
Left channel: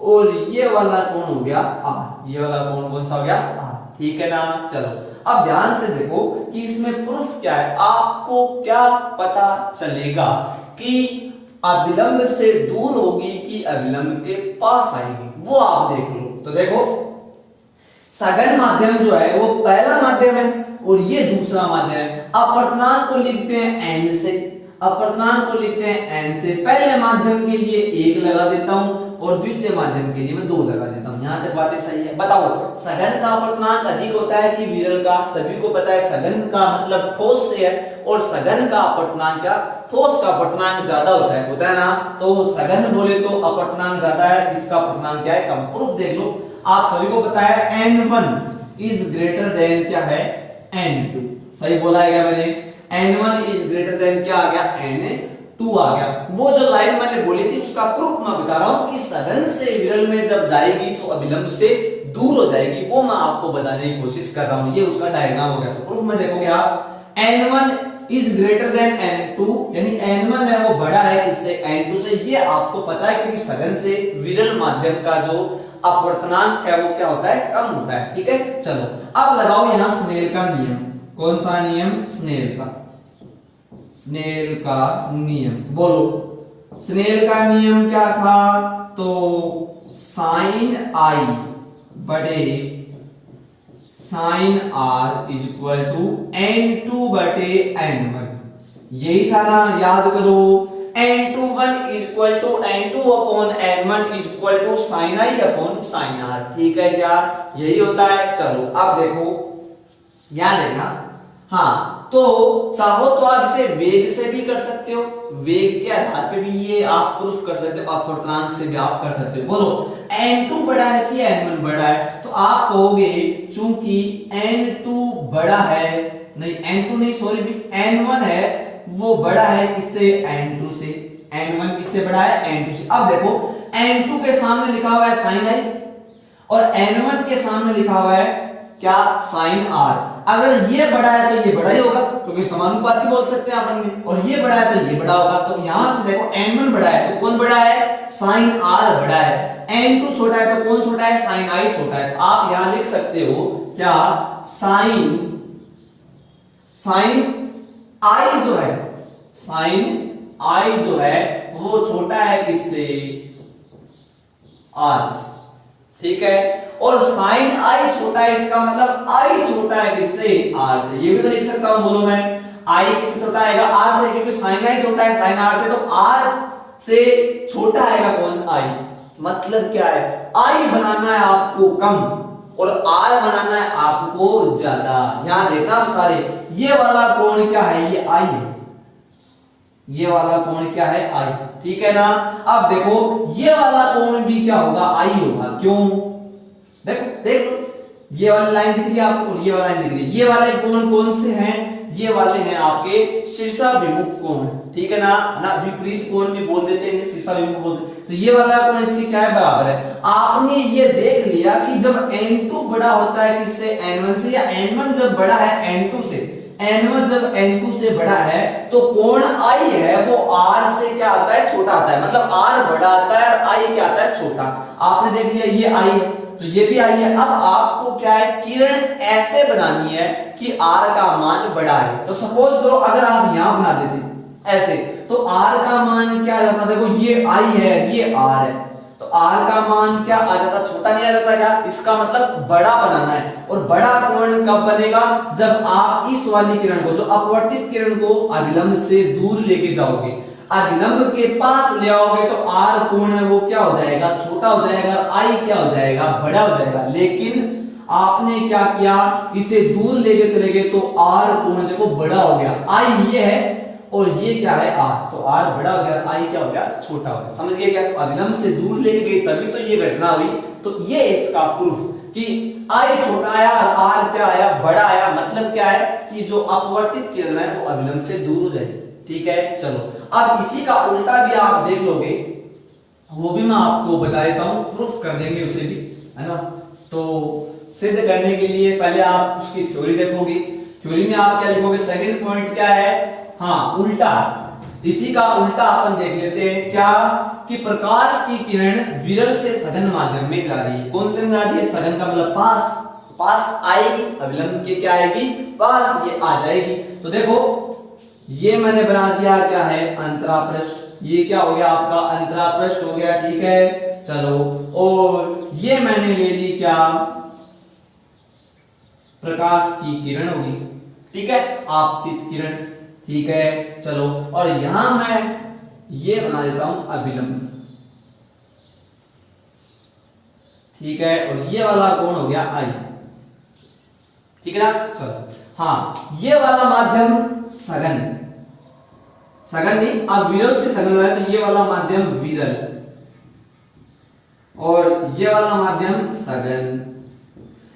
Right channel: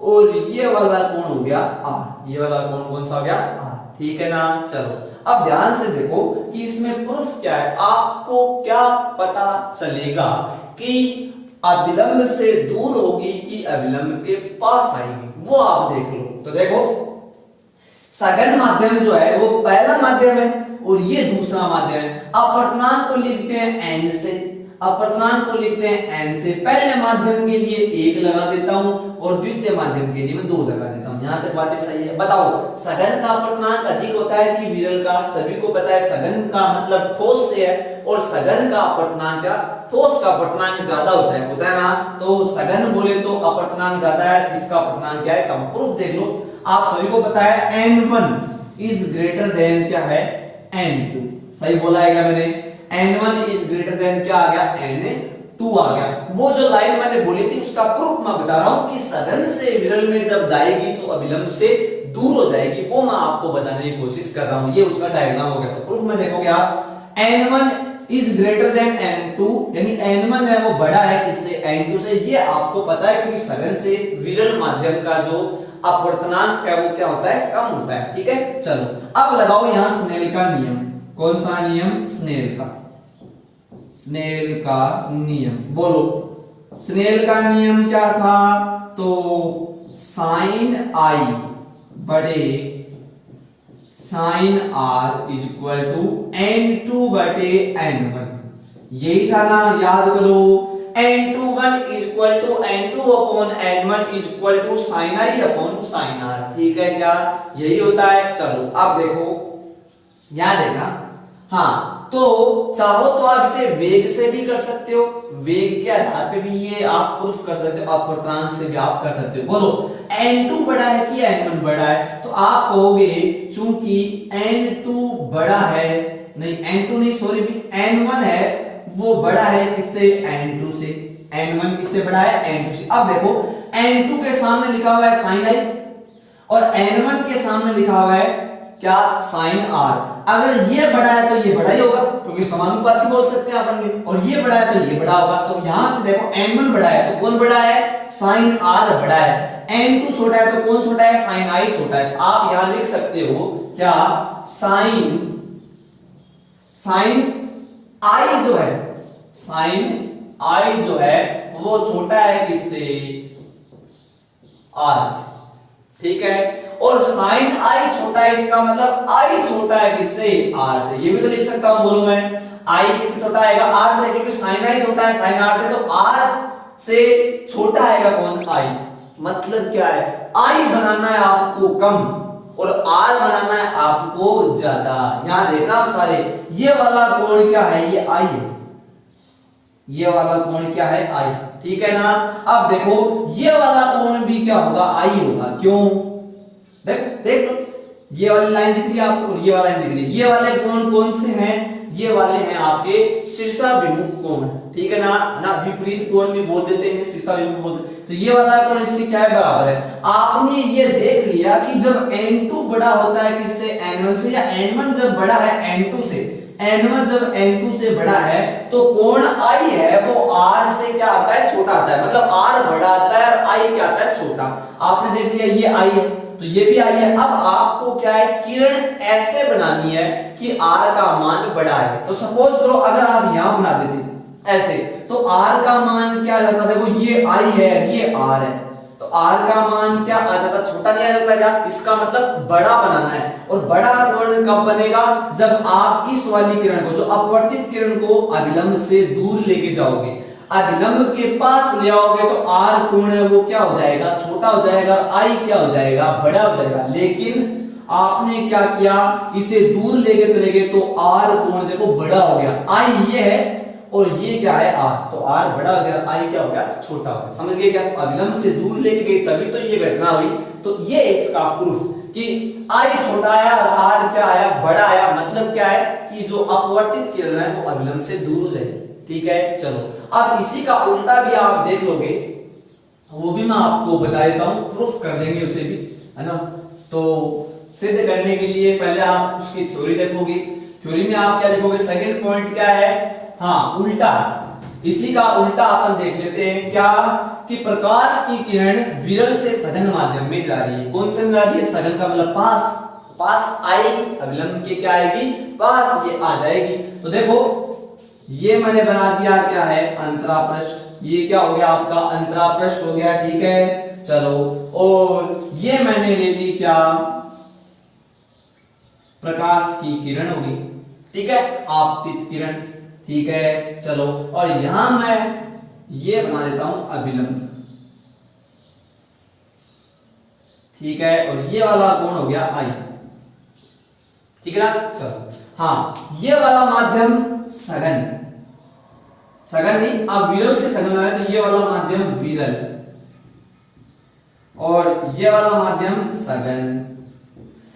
और ये वाला कोण हो गया R, ये वाला कोण कौन सा हो गया R, ठीक है ना। चलो अब ध्यान से देखो कि इसमें प्रूफ क्या है, आपको क्या पता चलेगा कि अभिलंब से दूर होगी कि अभिलंब के पास आएगी, वो आप देख लो। तो देखो सघन माध्यम जो है वो पहला माध्यम है और ये दूसरा माध्यम है। अपर्तनांक को लिखते हैं n से, अपर्तनांक को लिखते हैं n से। पहले माध्यम के लिए 1 लगा देता हूं और द्वितीय माध्यम के लिए मैं 2 लगा देता हूं। यहां तक बातें सही है। बताओ सघन का अपर्तनांक अधिक होता है कि विरल का? सभी को पता है सघन का मतलब ठोस से है और सघन का अपर्तनांक का ठोस का अपर्तनांक ज्यादा होता है ना। तो सघन बोले तो अपर्तनांक ज्यादा है, इसका अपर्तनांक क्या है? कम। प्रूफ देख लो, आप सभी को पता है n1 इज ग्रेटर देन क्या है? n2। सही बोला है क्या मैंने? n1 इज ग्रेटर देन क्या आ गया? n2 आ गया। वो जो लाइन मैंने बोली थी उसका प्रूफ मैं बता रहा हूं कि सघन से विरल में जब जाएगी तो अभिलंब से दूर हो जाएगी, वो मैं आपको बताने की कोशिश कर रहा हूं। ये उसका डायग्राम हो गया। तो प्रूफ में देखोगे आप n1 is greater than n2, यानी n1 है वो बड़ा है इससे n2 से। ये आपको पता है क्योंकि सघन से विरल माध्यम का जो अपवर्तनांक है वो क्या होता है? कम होता है। ठीक है, चलो अब लगाओ यहां स्नेल का नियम। कौन सा नियम? स्नेल का, स्नेल का नियम। बोलो स्नेल का नियम क्या था? तो साइन आई बड़े sine are is equal to n2 बटे n1। यही था ना, याद करो। n21 is equal to n2 upon n1 is equal to sine I upon sine r. ठीक है क्या? यही होता है। चलो अब देखो, याद है ना? हाँ, तो चाहो तो आप इसे वेग से भी कर सकते हो, वेग के आधार पे भी ये आप प्रूफ कर सकते हो, अपवर्तनांक से भी आप कर सकते हो। बोलो n2 बड़ा है कि n1 बड़ा है? तो आप कहोगे चूंकि n2 बड़ा है, नहीं n2 नहीं सॉरी भी n1 है वो बड़ा है किससे? n2 से। n1 किससे बड़ा है? n2 से। अब देखो n2 के सामने लिखा हुआ है साइन आई और n1 के सामने लिखा हुआ है क्या? Sine r. अगर ये बड़ा है तो ये बड़ा ही होगा क्योंकि समानुपाती बोल सकते हैं अपन में, और ये बड़ा है तो ये बड़ा होगा। तो यहां से देखो n1 बड़ा है तो कौन बड़ा है? साइन आर बड़ा है। n2 छोटा है तो कौन छोटा है? साइन आई छोटा है। तो आप यहां लिख सकते हो क्या? साइन आई जो है, साइन आई जो है वो छोटा है किससे? आर से। ठीक है, और साइन आई छोटा है इसका मतलब आई छोटा है किससे? आर से। ये भी तो लिख सकता हूं। बोलो मैं आई किससे छोटा आएगा? आर से, क्योंकि साइन आई छोटा है साइन आर से, तो आर से छोटा आएगा कौन? आई। मतलब क्या है? आई बनाना है आपको कम और आर बनाना है आपको ज्यादा। यहां देखना आप सारे, ये वाला कोण क्या है? ये आई है। ये वाला कोण क्या है? आई। ठीक है ना? अब देखो ये वाला कोण भी क्या होगा? आई होगा। क्यों? देखो देख लो, ये वाली लाइन दिख रही है आपको और ये वाला लाइन दिख रही है। ये वाले कोण कौन से हैं? ये वाले हैं आपके शीर्षाभिमुख कोण। ठीक है ना विपरीत कोण भी बोल देते हैं, शीर्षाभिमुख बोलते हैं। तो ये वाला कोण इससे क्या है? बराबर है। आपने ये देख लिया कि जब n2 बड़ा होता है किससे? n1 से, या n1 जब बड़ा है n2 से, n1 जब n2 से बड़ा है तो कोण I है वो R से क्या आता है? छोटा आता है। मतलब R बड़ा आता है और I क्या आता है? छोटा। आपने देख लिया ये I है तो ये भी I है। अब आपको क्या है? किरण ऐसे बनानी है कि R का मान बड़ा है। तो सपोज करो अगर आप यहां बना देते ऐसे तो R का मान क्या आ जाता? देखो ये I है, ये R है, तो R का मान क्या आ जाता? छोटा नहीं आ जाता क्या? इसका मतलब बड़ा बनाना है। और बड़ा कोण कब बनेगा? जब आप इस वाली किरण को, जो अपवर्तित किरण को अभिलंब से दूर लेके जाओगे, अभिलंब के पास ले आओगे तो R कोण है वो क्या हो जाएगा? छोटा हो जाएगा। I क्या हो जाएगा? बड़ा हो जाएगा। लेकिन आपने क्या किया? इसे दूर लेके चले गए तो R कोण देखो बड़ा हो गया। I ये है और ये क्या है? R। तो R बड़ा हो गया, I क्या हो गया? छोटा हो गया। समझ गए क्या? तो अभिलंब से दूर लेके गई तभी तो ये घटना हुई। तो ये इसका प्रूफ कि I छोटा आया और R क्या आया? बड़ा आया। मतलब क्या है कि जो अपवर्तित किरण है वो अभिलंब से दूर हो जाएगी। ठीक है, चलो अब इसी का उल्टा भी आप देख लोगे, वो भी मैं आपको बता देता हूं, प्रूफ कर देंगे उसे भी, है ना। तो सिद्ध करने के लिए पहले आप उसकी थ्योरी देखोगे। थ्योरी में आप क्या लिखोगे? सेकंड पॉइंट क्या है? हाँ, उल्टा। इसी का उल्टा अपन देख लेते हैं क्या? कि प्रकाश की किरण विरल से सघन माध्यम में जा रही है। कौन से में जा रही है? सघन का मतलब पास आएगी, अभिलंब के क्या आएगी? पास ये आ जाएगी। तो देखो ये मैंने बना दिया क्या है? अंतरापृष्ठ। ये क्या हो गया आपका? अंतरापृष्ठ हो गया। ठीक है, चलो और ये मैंने ले ली क्या? प्रकाश की किरण होगी, ठीक है, आपतित किरण, ठीक है। चलो, और यहां मैं ये बना देता हूं अभिलंब, ठीक है, और ये वाला कोण हो गया आई, ठीक है ना। चलो, हाँ, ये वाला माध्यम सघन, सघन नहीं, आप विरल से सघन है तो ये वाला माध्यम विरल, और ये वाला माध्यम सघन।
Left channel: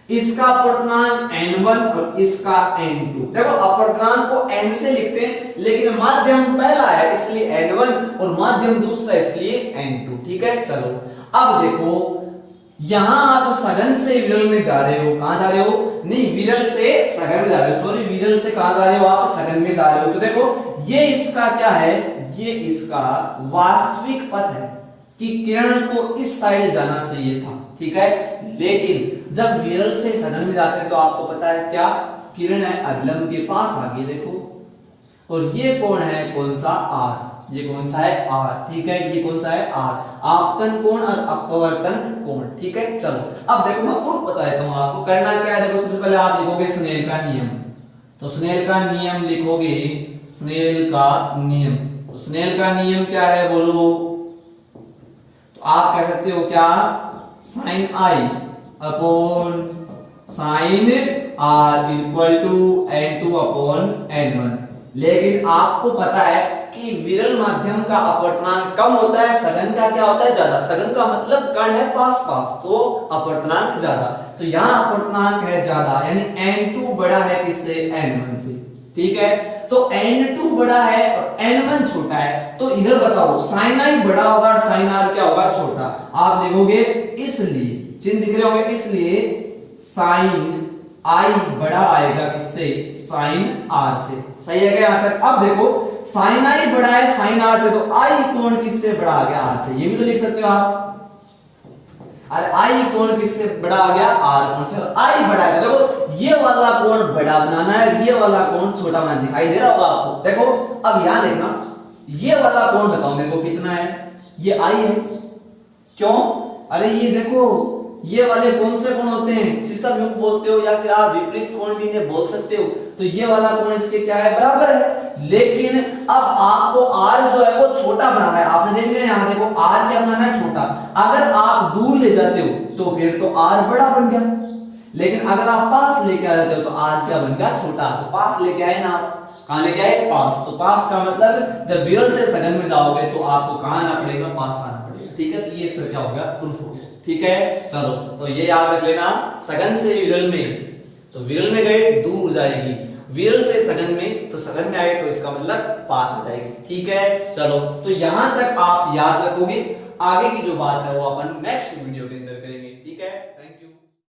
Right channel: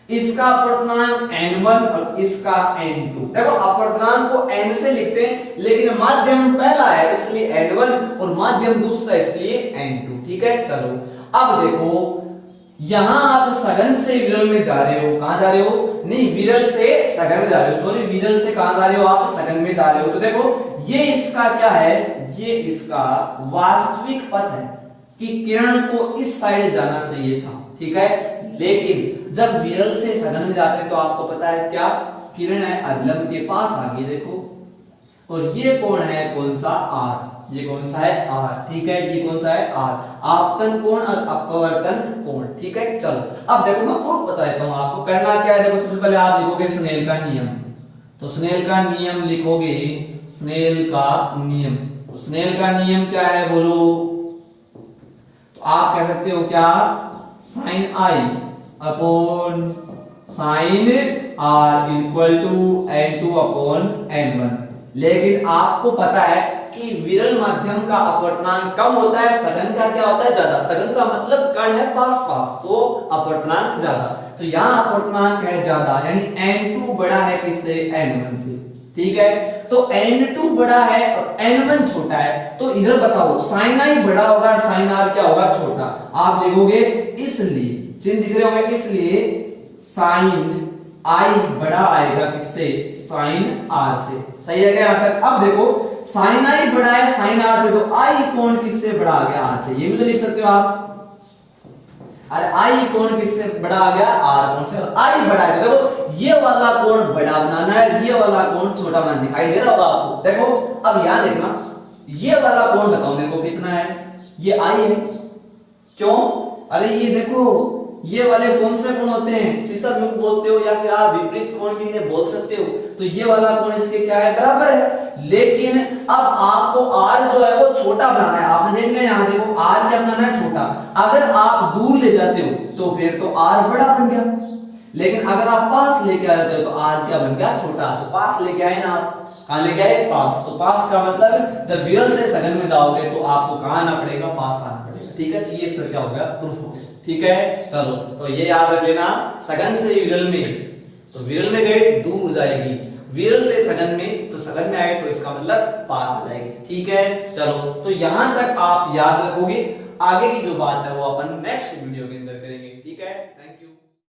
इसका अपर्तनांक n1 और इसका n2। देखो, अपर्तनांक को n से लिखते हैं, लेकिन माध्यम पहला है इसलिए n1 और माध्यम दूसरा इसलिए n2, ठीक है। चलो, अब देखो, यहां आप सघन से विरल में जा रहे हो, कहां जा रहे हो, नहीं, विरल से सघन में जा रहे हो, सॉरी, विरल से कहां जा रहे हो, आप सघन में जा रहे हो। तो देखो, ये इसका क्या है, ये इसका वास्तविक पथ है कि किरण को इस साइड जाना चाहिए था, ठीक है। लेकिन जब विरल से सघन में जाते हैं तो आपको पता है क्या, किरण है अभिलंब के पास आ गई, देखो, और ये कोण है कौन सा, आर, ये कौन सा है, आर, ठीक है, ये कौन सा है, आर, आपतन कोण और अपवर्तन कोण, ठीक है। चलो, अब देखो, मैं प्रूफ बता देता हूं आपको, करना क्या है। देखो, सबसे पहले आप लिखोगे स्नेल का नियम, तो स्नेल का नियम लिखोगे, स्नेल का नियम, तो स्नेल का नियम क्या है बोलो, तो आप कह सकते हो क्या, sine I upon sine r equal to n2 upon n1। लेकिन आपको पता है कि विरल माध्यम का अपवर्तनांक कम होता है, सघन का क्या होता है, ज्यादा। सघन का मतलब कण है पास पास, तो अपवर्तनांक ज्यादा, तो यहाँ अपवर्तनांक है ज्यादा, यानी n2 बड़ा है किससे, n1 से, ठीक है। तो n2 बड़ा है और n1 छोटा है, तो इधर बताओ, साइन आई बड़ा होगा और साइन आर क्या होगा, छोटा। आप लिखोगे इसलिए, चिन्ह दिख रहे होंगे, इसलिए साइन आई बड़ा आएगा किससे, साइन आर से, सही है क्या यहां तक। अब देखो, साइन आई बड़ा है साइन आर से, तो आई कोण किससे बड़ा आ गया, आर से, ये भी तो लिख सकते हो आप। अरे आई कोण किससे बड़ा आ गया, आर कोण से, आई बड़ा है। देखो, ये वाला कोण बड़ा बनाना है, ये वाला कोण छोटा बनाना, दिखाई दे रहा होगा आपको। देखो, अब यहां देखना, ये वाला कोण बताओ मेरे को कितना है, ये आई है, क्यों, अरे ये देखो, ये वाले कौन से कोण होते हैं, शीर्षक में बोलते हो या फिर आप विपरीत कोण भी इन्हें बोल सकते हो, तो ये वाला कोण इसके क्या है, बराबर है। लेकिन अब आपको आर जो है वो छोटा बनाना है, आपने देख लिया, यहाँ देखो, आर क्या बनाना है, छोटा। अगर आप दूर ले जाते हो तो फिर तो आर बड़ा बन गया, लेकिन अगर आप पास लेके आ जाते हो तो आर क्या बन गया, छोटा। तो पास लेके आए ना आप, कहां लेके आए, पास। तो पास का मतलब जब विरल से सघन में जाओगे तो आपको कहां आना पड़ेगा, पास आना पड़ेगा, ठीक है। तो ये इसका क्या होगा, प्रूफ हो गया, ठीक है। चलो, तो ये याद रख लेना, सघन से विरल में, तो विरल में गए दूर जाएगी, विरल से सघन में, तो सघन में आए तो इसका मतलब पास आ जाएगी, ठीक है। चलो, तो यहां तक आप याद रखोगे, आगे की जो बात है वो अपन नेक्स्ट वीडियो के अंदर करेंगे।